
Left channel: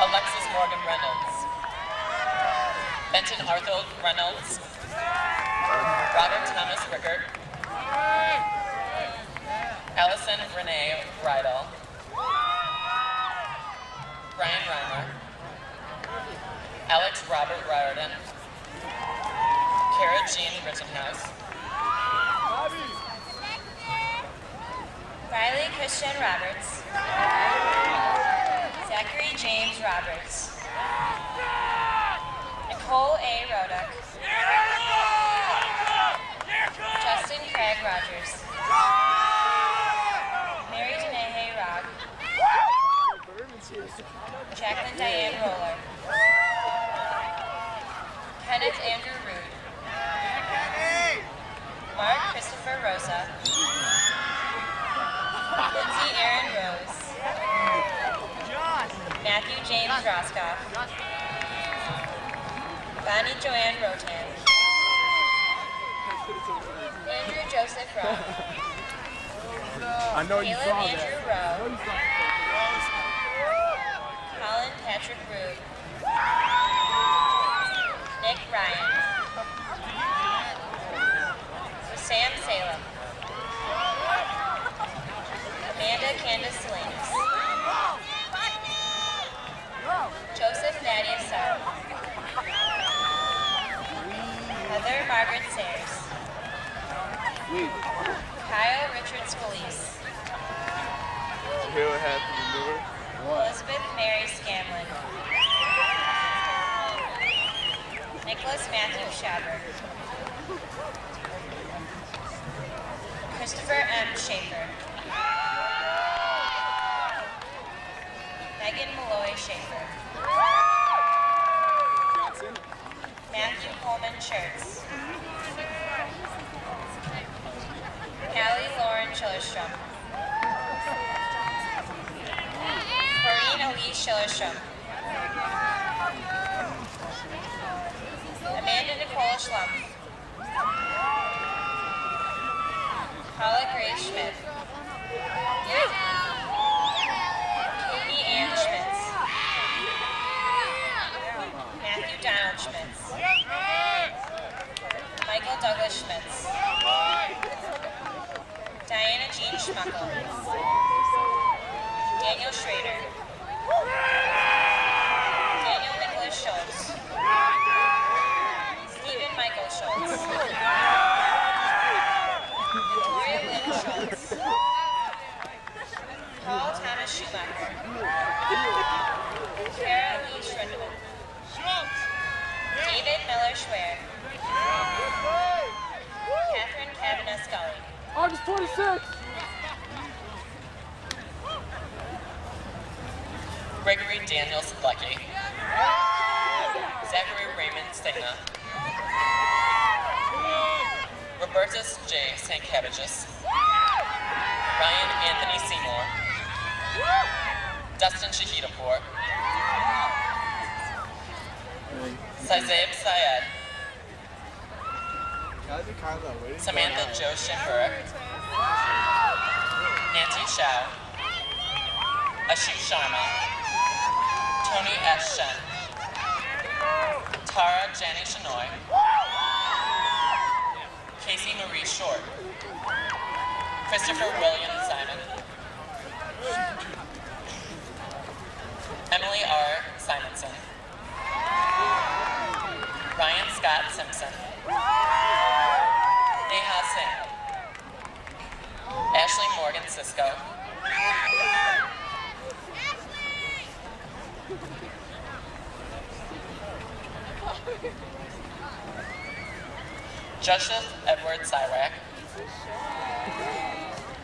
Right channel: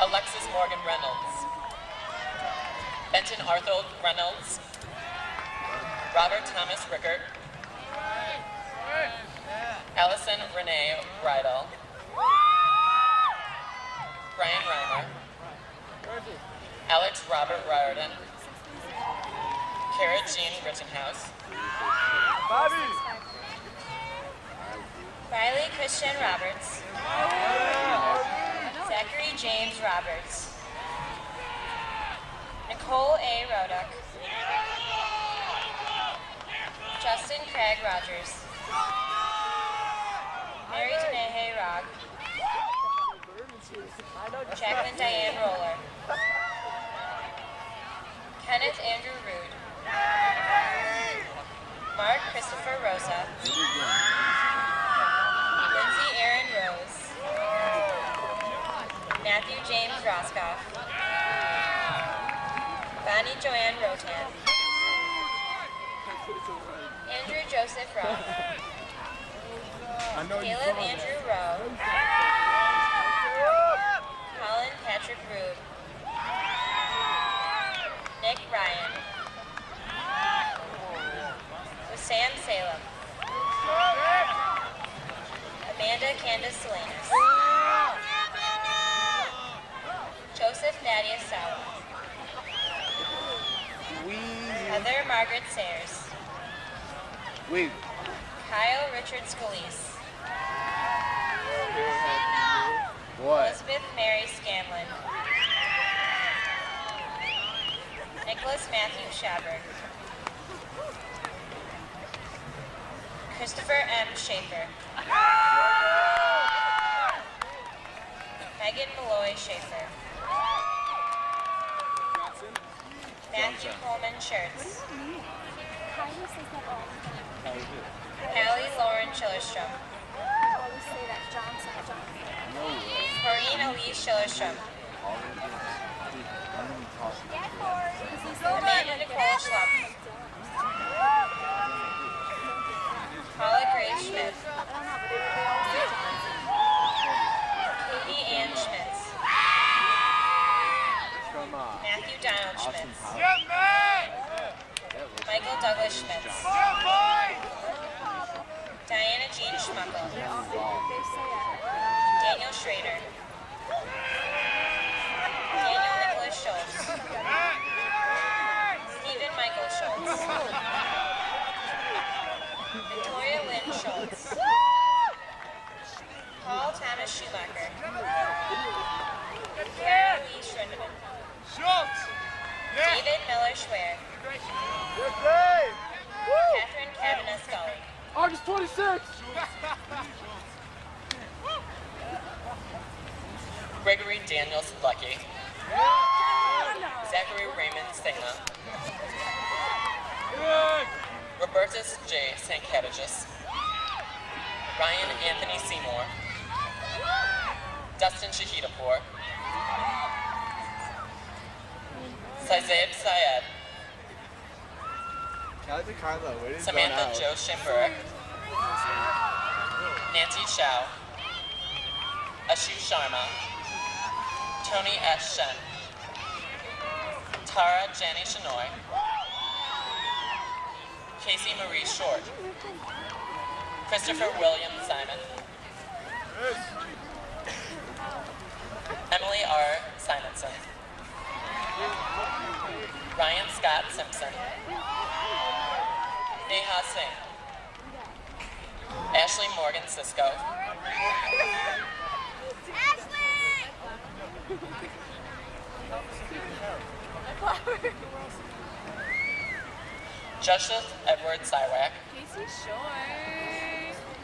Alexis Morgan Reynolds. Benton Arthur Reynolds. Robert Thomas Rickert. Allison Renee Rydell. Brian Reimer. Alex Robert Riordan. Kara Jean Rittenhouse. Riley Christian Roberts. Zachary James Roberts. Nicole A. Roduck. Justin Craig Rogers. Mary Denehe Rogg. Jacqueline Diane Roller. Kenneth Andrew Rood. Mark Christopher Rosa. Lindsay Aaron Rose. Matthew James Roscoff. Bonnie Joanne Rotan. Andrew Joseph Rowe. Caleb Andrew Rowe. Colin Patrick Rube. Nick Ryan. Sam Salem. Amanda Candace Salinas. Joseph Thaddeus Sauer. Heather Margaret Sayers. Kyle Richard Scalise. Elizabeth Mary Scanlon. Nicholas Matthew Schaberg. Christopher M. Schaefer. Megan Malloy Schaefer. Matthew Coleman Schertz. Callie Lauren Schillerstrom. Maureen Elise Schillerstrom. Amanda Nicole Schlump. Paula Grace Schmidt. Katie Ann Schmitz. Matthew Donald Schmitz. Michael Douglas Schmitz. Diana Jean Schmuckel. Daniel Schrader. Daniel Nicholas Schultz. Stephen Michael Schultz. Victoria Lynn Schultz. Paul Thomas Schumacher. Kara Lee Schrindeman. David Miller Schwer. Catherine Kavanaugh Scully. August 26th. Gregory Daniel Sedlecki. Zachary Raymond Stena. Robertus J. St. Cabbages. Ryan Anthony Seymour. Dustin Shahidapur. Saizeb Syed. Samantha Jo Shimburek. Nancy Shao. Ashu Sharma. Tony S. Shen. Tara Janney Shenoy. Casey Marie Short. Christopher William Simon. Emily R. Simonson. Ryan Scott Simpson. Neha Singh. Ashley Morgan Cisco. Joseph Edward Sywak.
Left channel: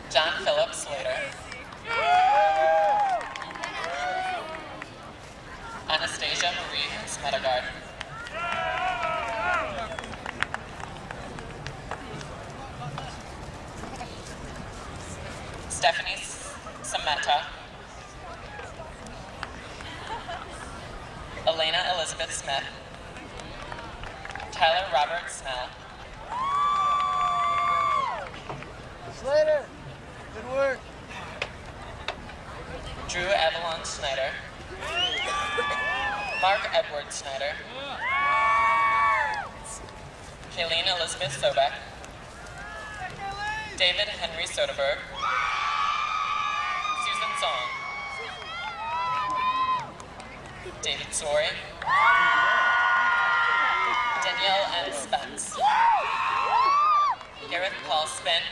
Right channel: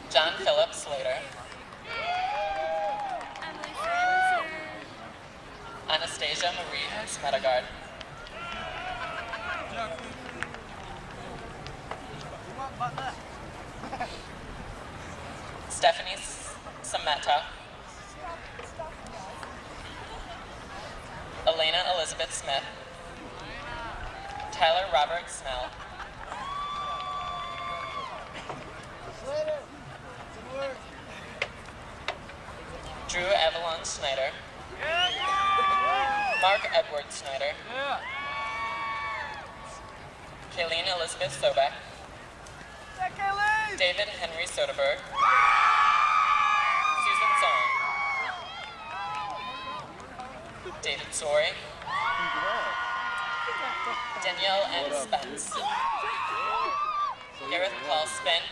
John Philip Slater. Anastasia Marie Smedegard. Stephanie Sameta. Elena Elizabeth Smith. Robert Snell. Slater. Good work. Drew Avalon Snyder. Mark Edward Snyder. Kayleen Elizabeth Sobek. David Henry Soderberg. Susan Song. David Sorey. Danielle M. Spence. Gareth Paul Spin.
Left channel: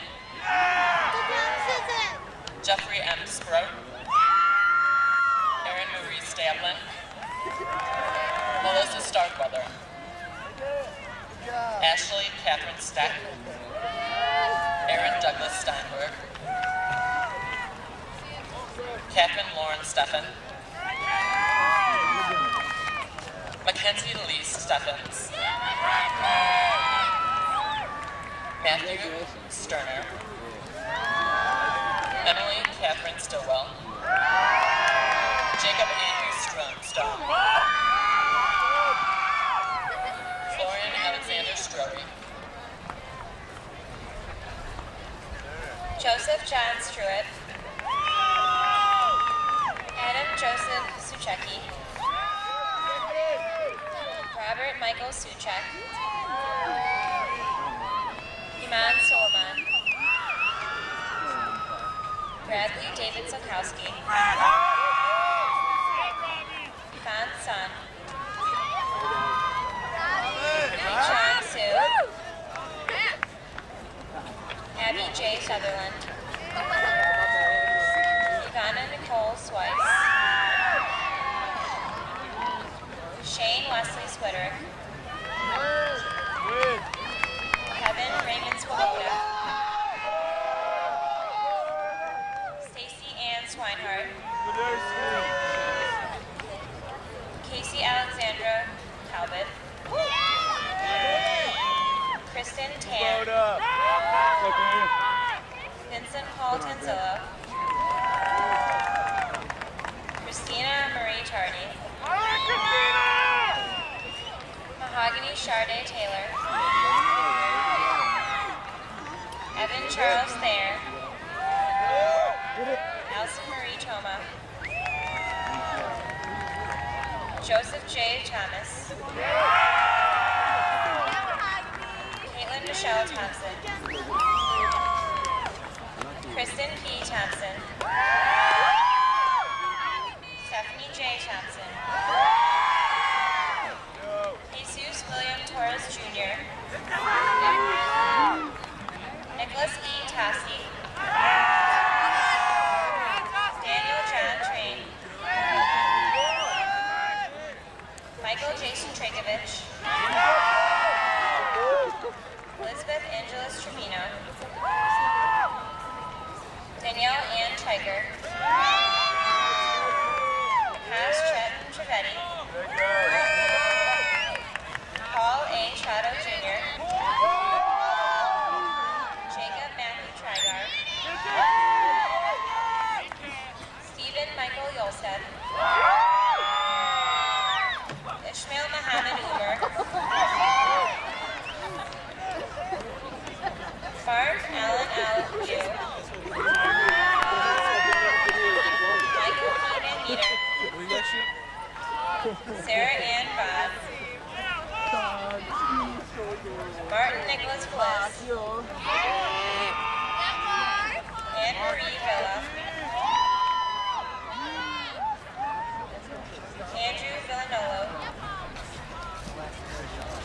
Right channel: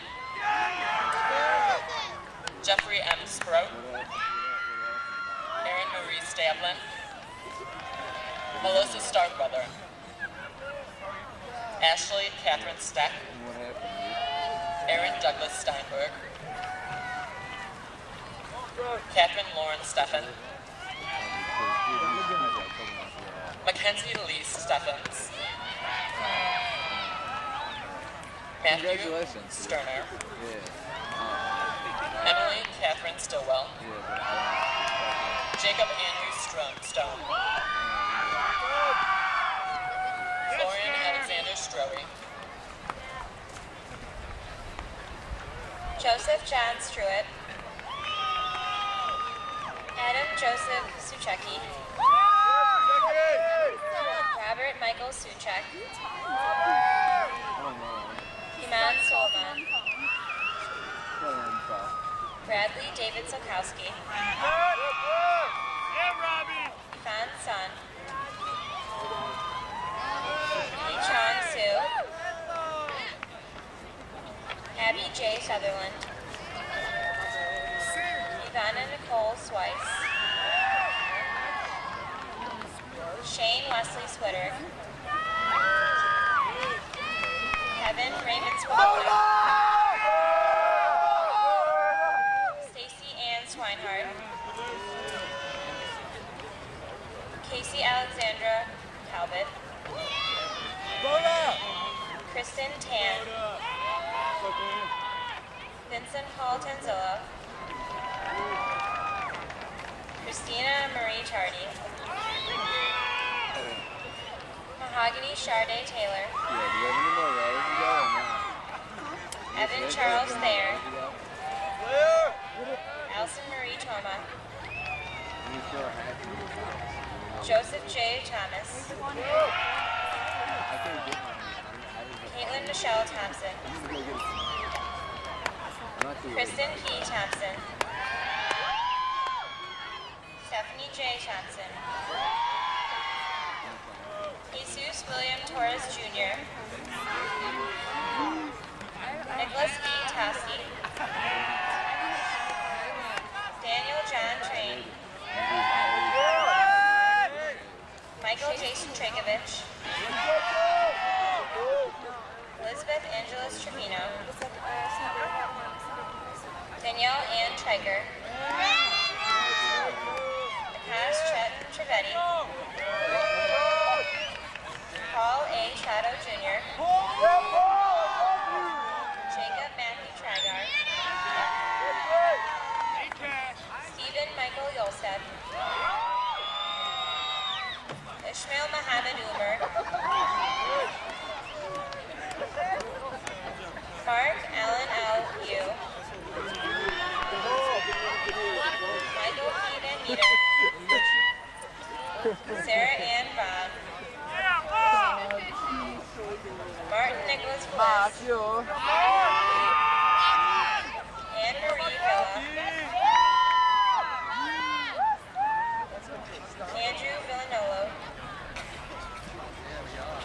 Jeffrey M. Sprout. Erin Marie Stablin. Melissa Starkweather. Ashley Catherine Steck. Aaron Douglas Steinberg. Catherine Lauren Steffen. Mackenzie Lee Steffens. Matthew Sterner. Emily Catherine Stillwell. Jacob Andrew Stone. Florian Alexander Stroey. Joseph John Struett. Adam Joseph Suchecki. Robert Michael Suchek. Iman Solomon. Bradley David Sokowski. Yvonne Sun. Lee Chong Soo. Abby J. Sutherland. Ivana Nicole Swice. Shane Wesley Switterick. Kevin Raymond Swoboda. Stacy Ann Swinehart. Casey Alexandra Talbot. Kristen Tan. Vincent Paul Tanzillo. Christina Marie Tardy. Mahogany Charday Taylor. Evan Charles Thayer. Alison Marie Toma. Joseph J. Thomas. Caitlin Michelle Thompson. Kristen P. Thompson. Stephanie J. Thompson. Jesus William Torres Jr. Nicholas E. Tosky. Daniel John Train. Michael Jason Trakovich. Elizabeth Angeles Trevino. Danielle Ann Triker. Akash Chetan Trivedi. Paul A. Trotto Jr. Jacob Matthew Trigar. Stephen Michael Yolstad. Ishmael Mohammed Umar. Mark Allen L. Yu. Michael P. Van Meter. Sarah Ann Vaughn. Martin Nicholas Bliss. Anne Marie Villa. Andrew Villanolo.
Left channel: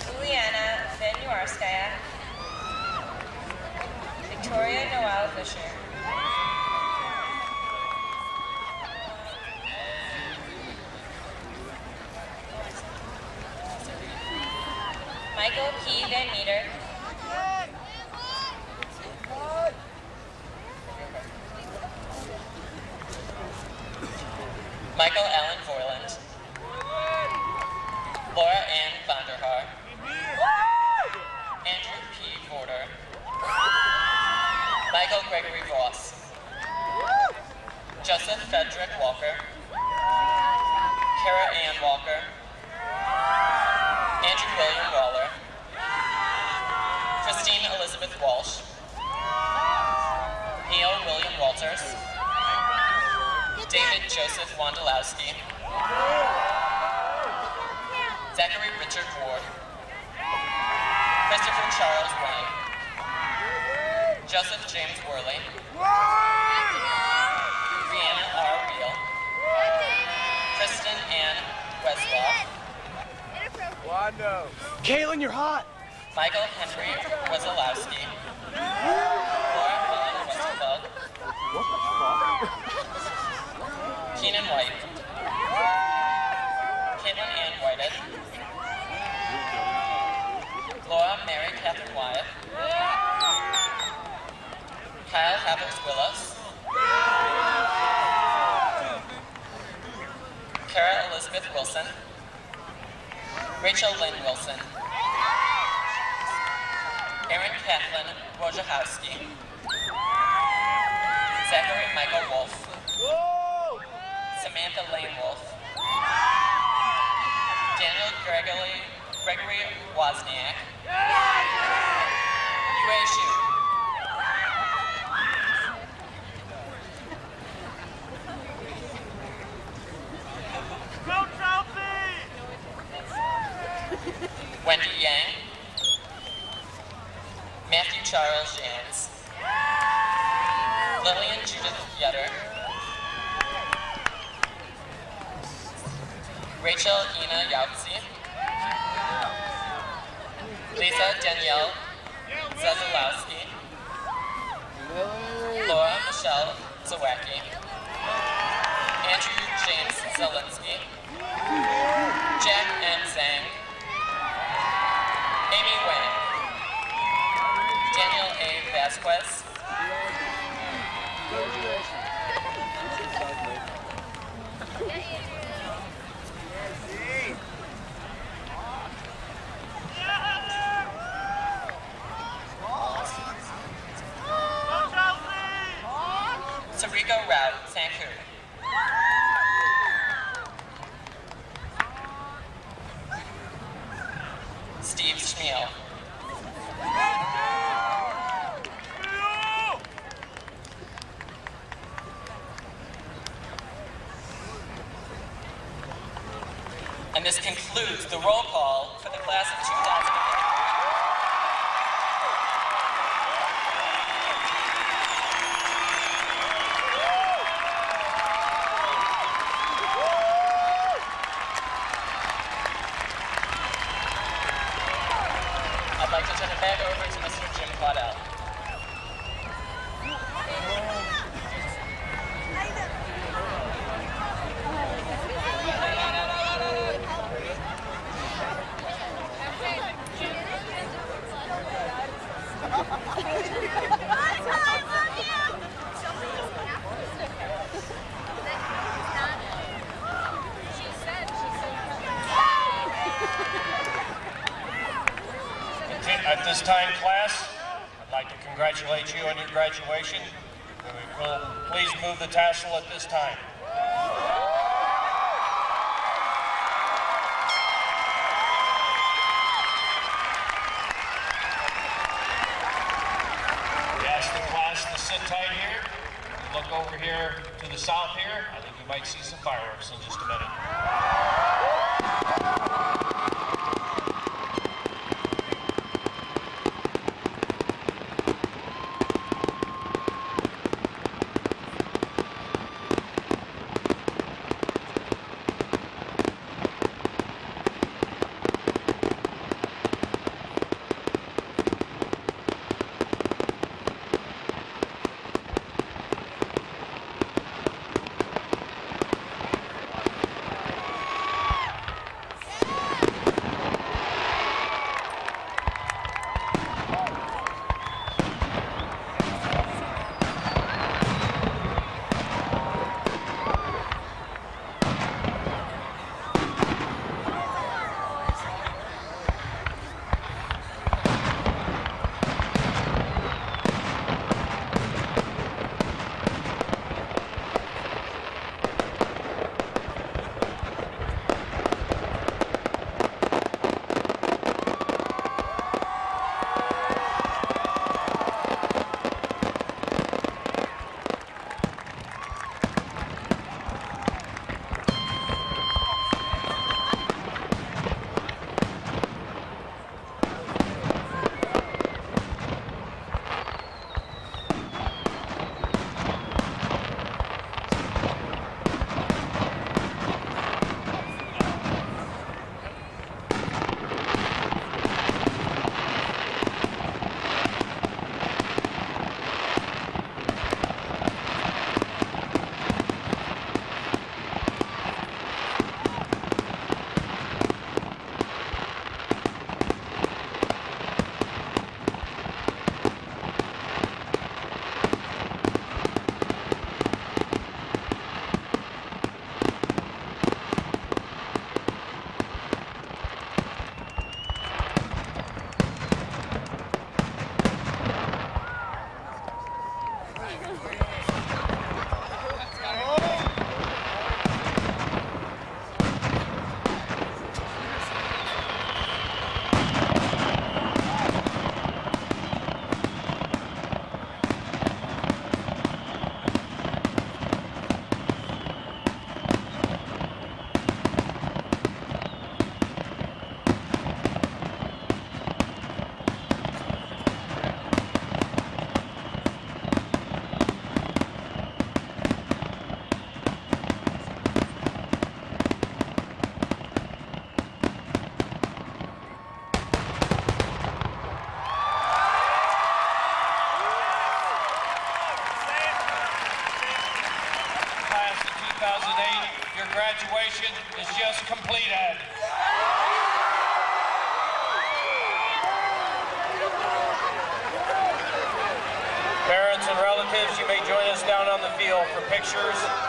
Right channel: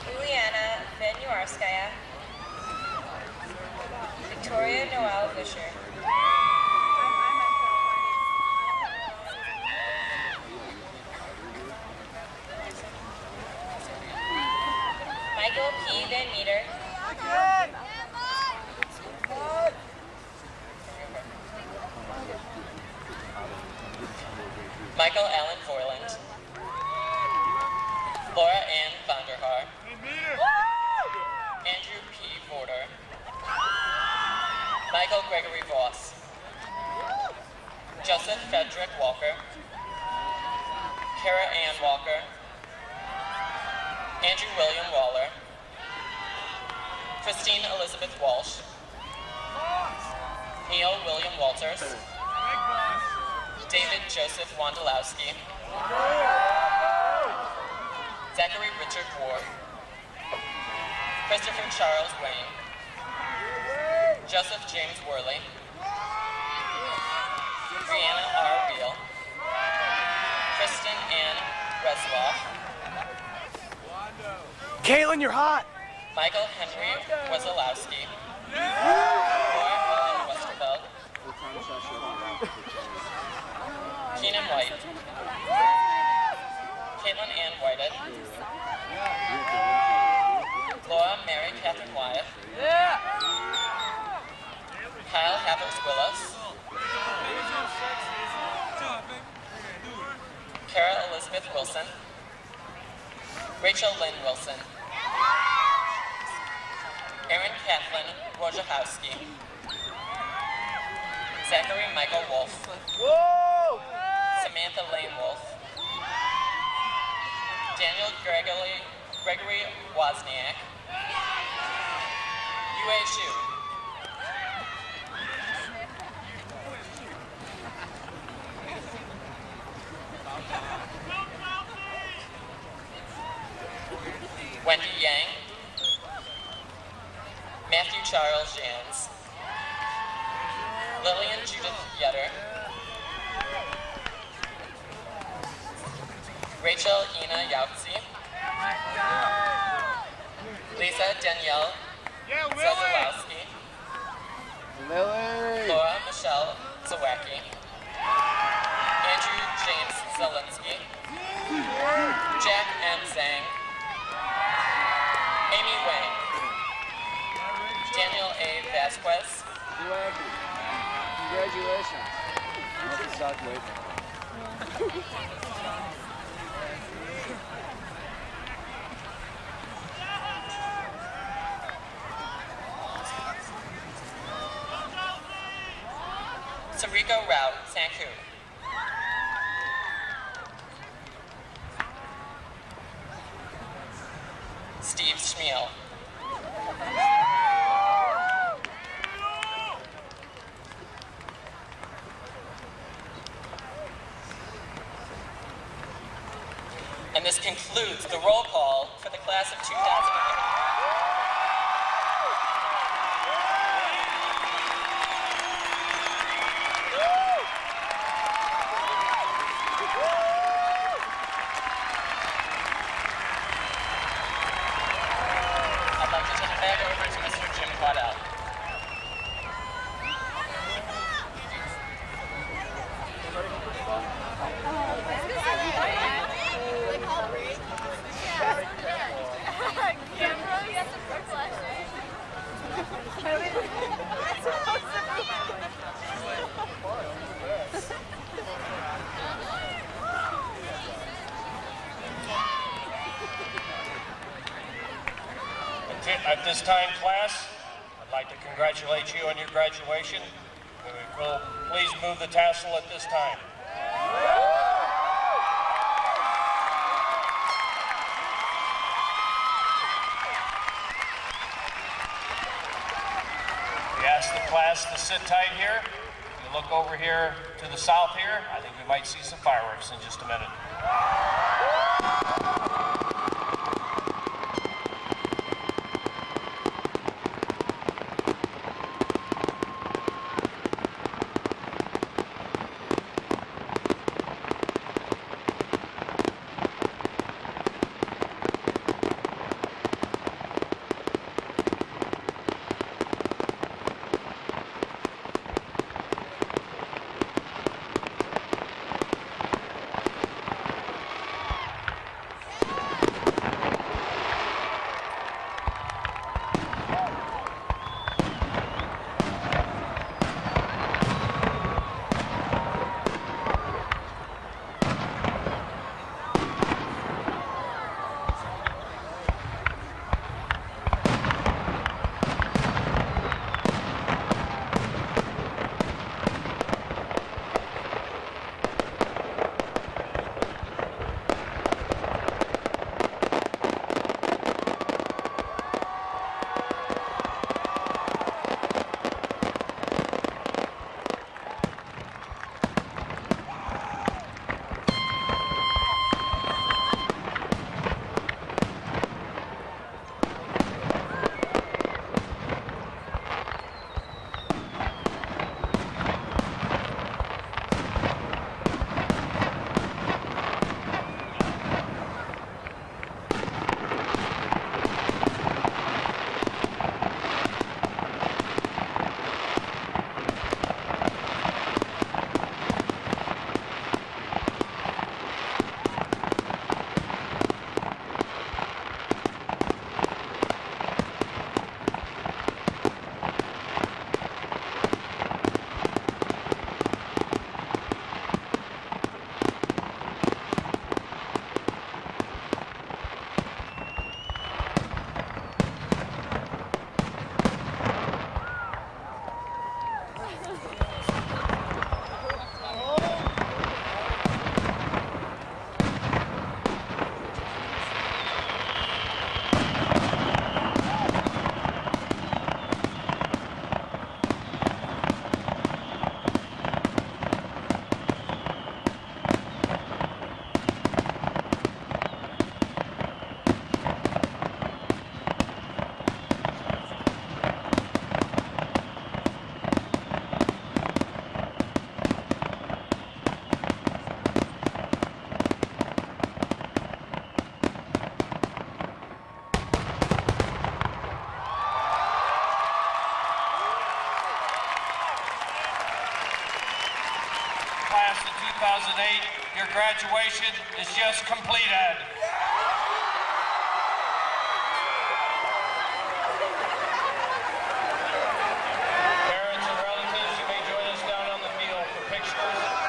Juliana Venuarskaya. Victoria Noel Fisher. Michael P. Van Meter. Michael Allen Voiland. Laura Ann Vanderhaar. Andrew P. Porter. Michael Gregory Voss. Joseph Frederick Walker. Kara Ann Walker. Andrew William Waller. Christine Elizabeth Walsh, Neil William Walters, David Joseph Wondolowski, Zachary Richard Ward, Christopher Charles Wayne, Joseph James Worley, Brianna R. Reel, Kristen Ann Wesloff, Caitlin, you're hot. Michael Henry Wesolowski, Laura Helen Westerfeld, Keenan White, Caitlin Ann Whited, Laura Mary Catherine Wyatt, Kyle Havers Willis, Kara Elizabeth Wilson, Rachel Lynn Wilson, Erin Kathleen Wojciechowski, Zachary Michael Wolf, Samantha Lane Wolf, Daniel Gregory Wozniak, Yue Xu, Wendy Yang, Matthew Charles Jans, Lillian Judith Yetter, Rachel Ina Yautzi, Lisa Danielle Zazalowski, Laura Michelle Zawacki, Andrew James Zelinsky, Jack M. Zhang, Amy Wang, Daniel A. Vasquez, Sariko Rao Sanku, Steve Schmiel, and this concludes the roll call for the class of 2011. I'd like to turn it back over to Mr. Jim Waddell. At this time, class, I'd like to congratulate you on your graduation. We will please move the tassel at this time. We ask the class to sit tight here. Look over here to the south here. I think we might see some fireworks in just a minute. Photographs completed. Parents and relatives, you may join us down on the field for pictures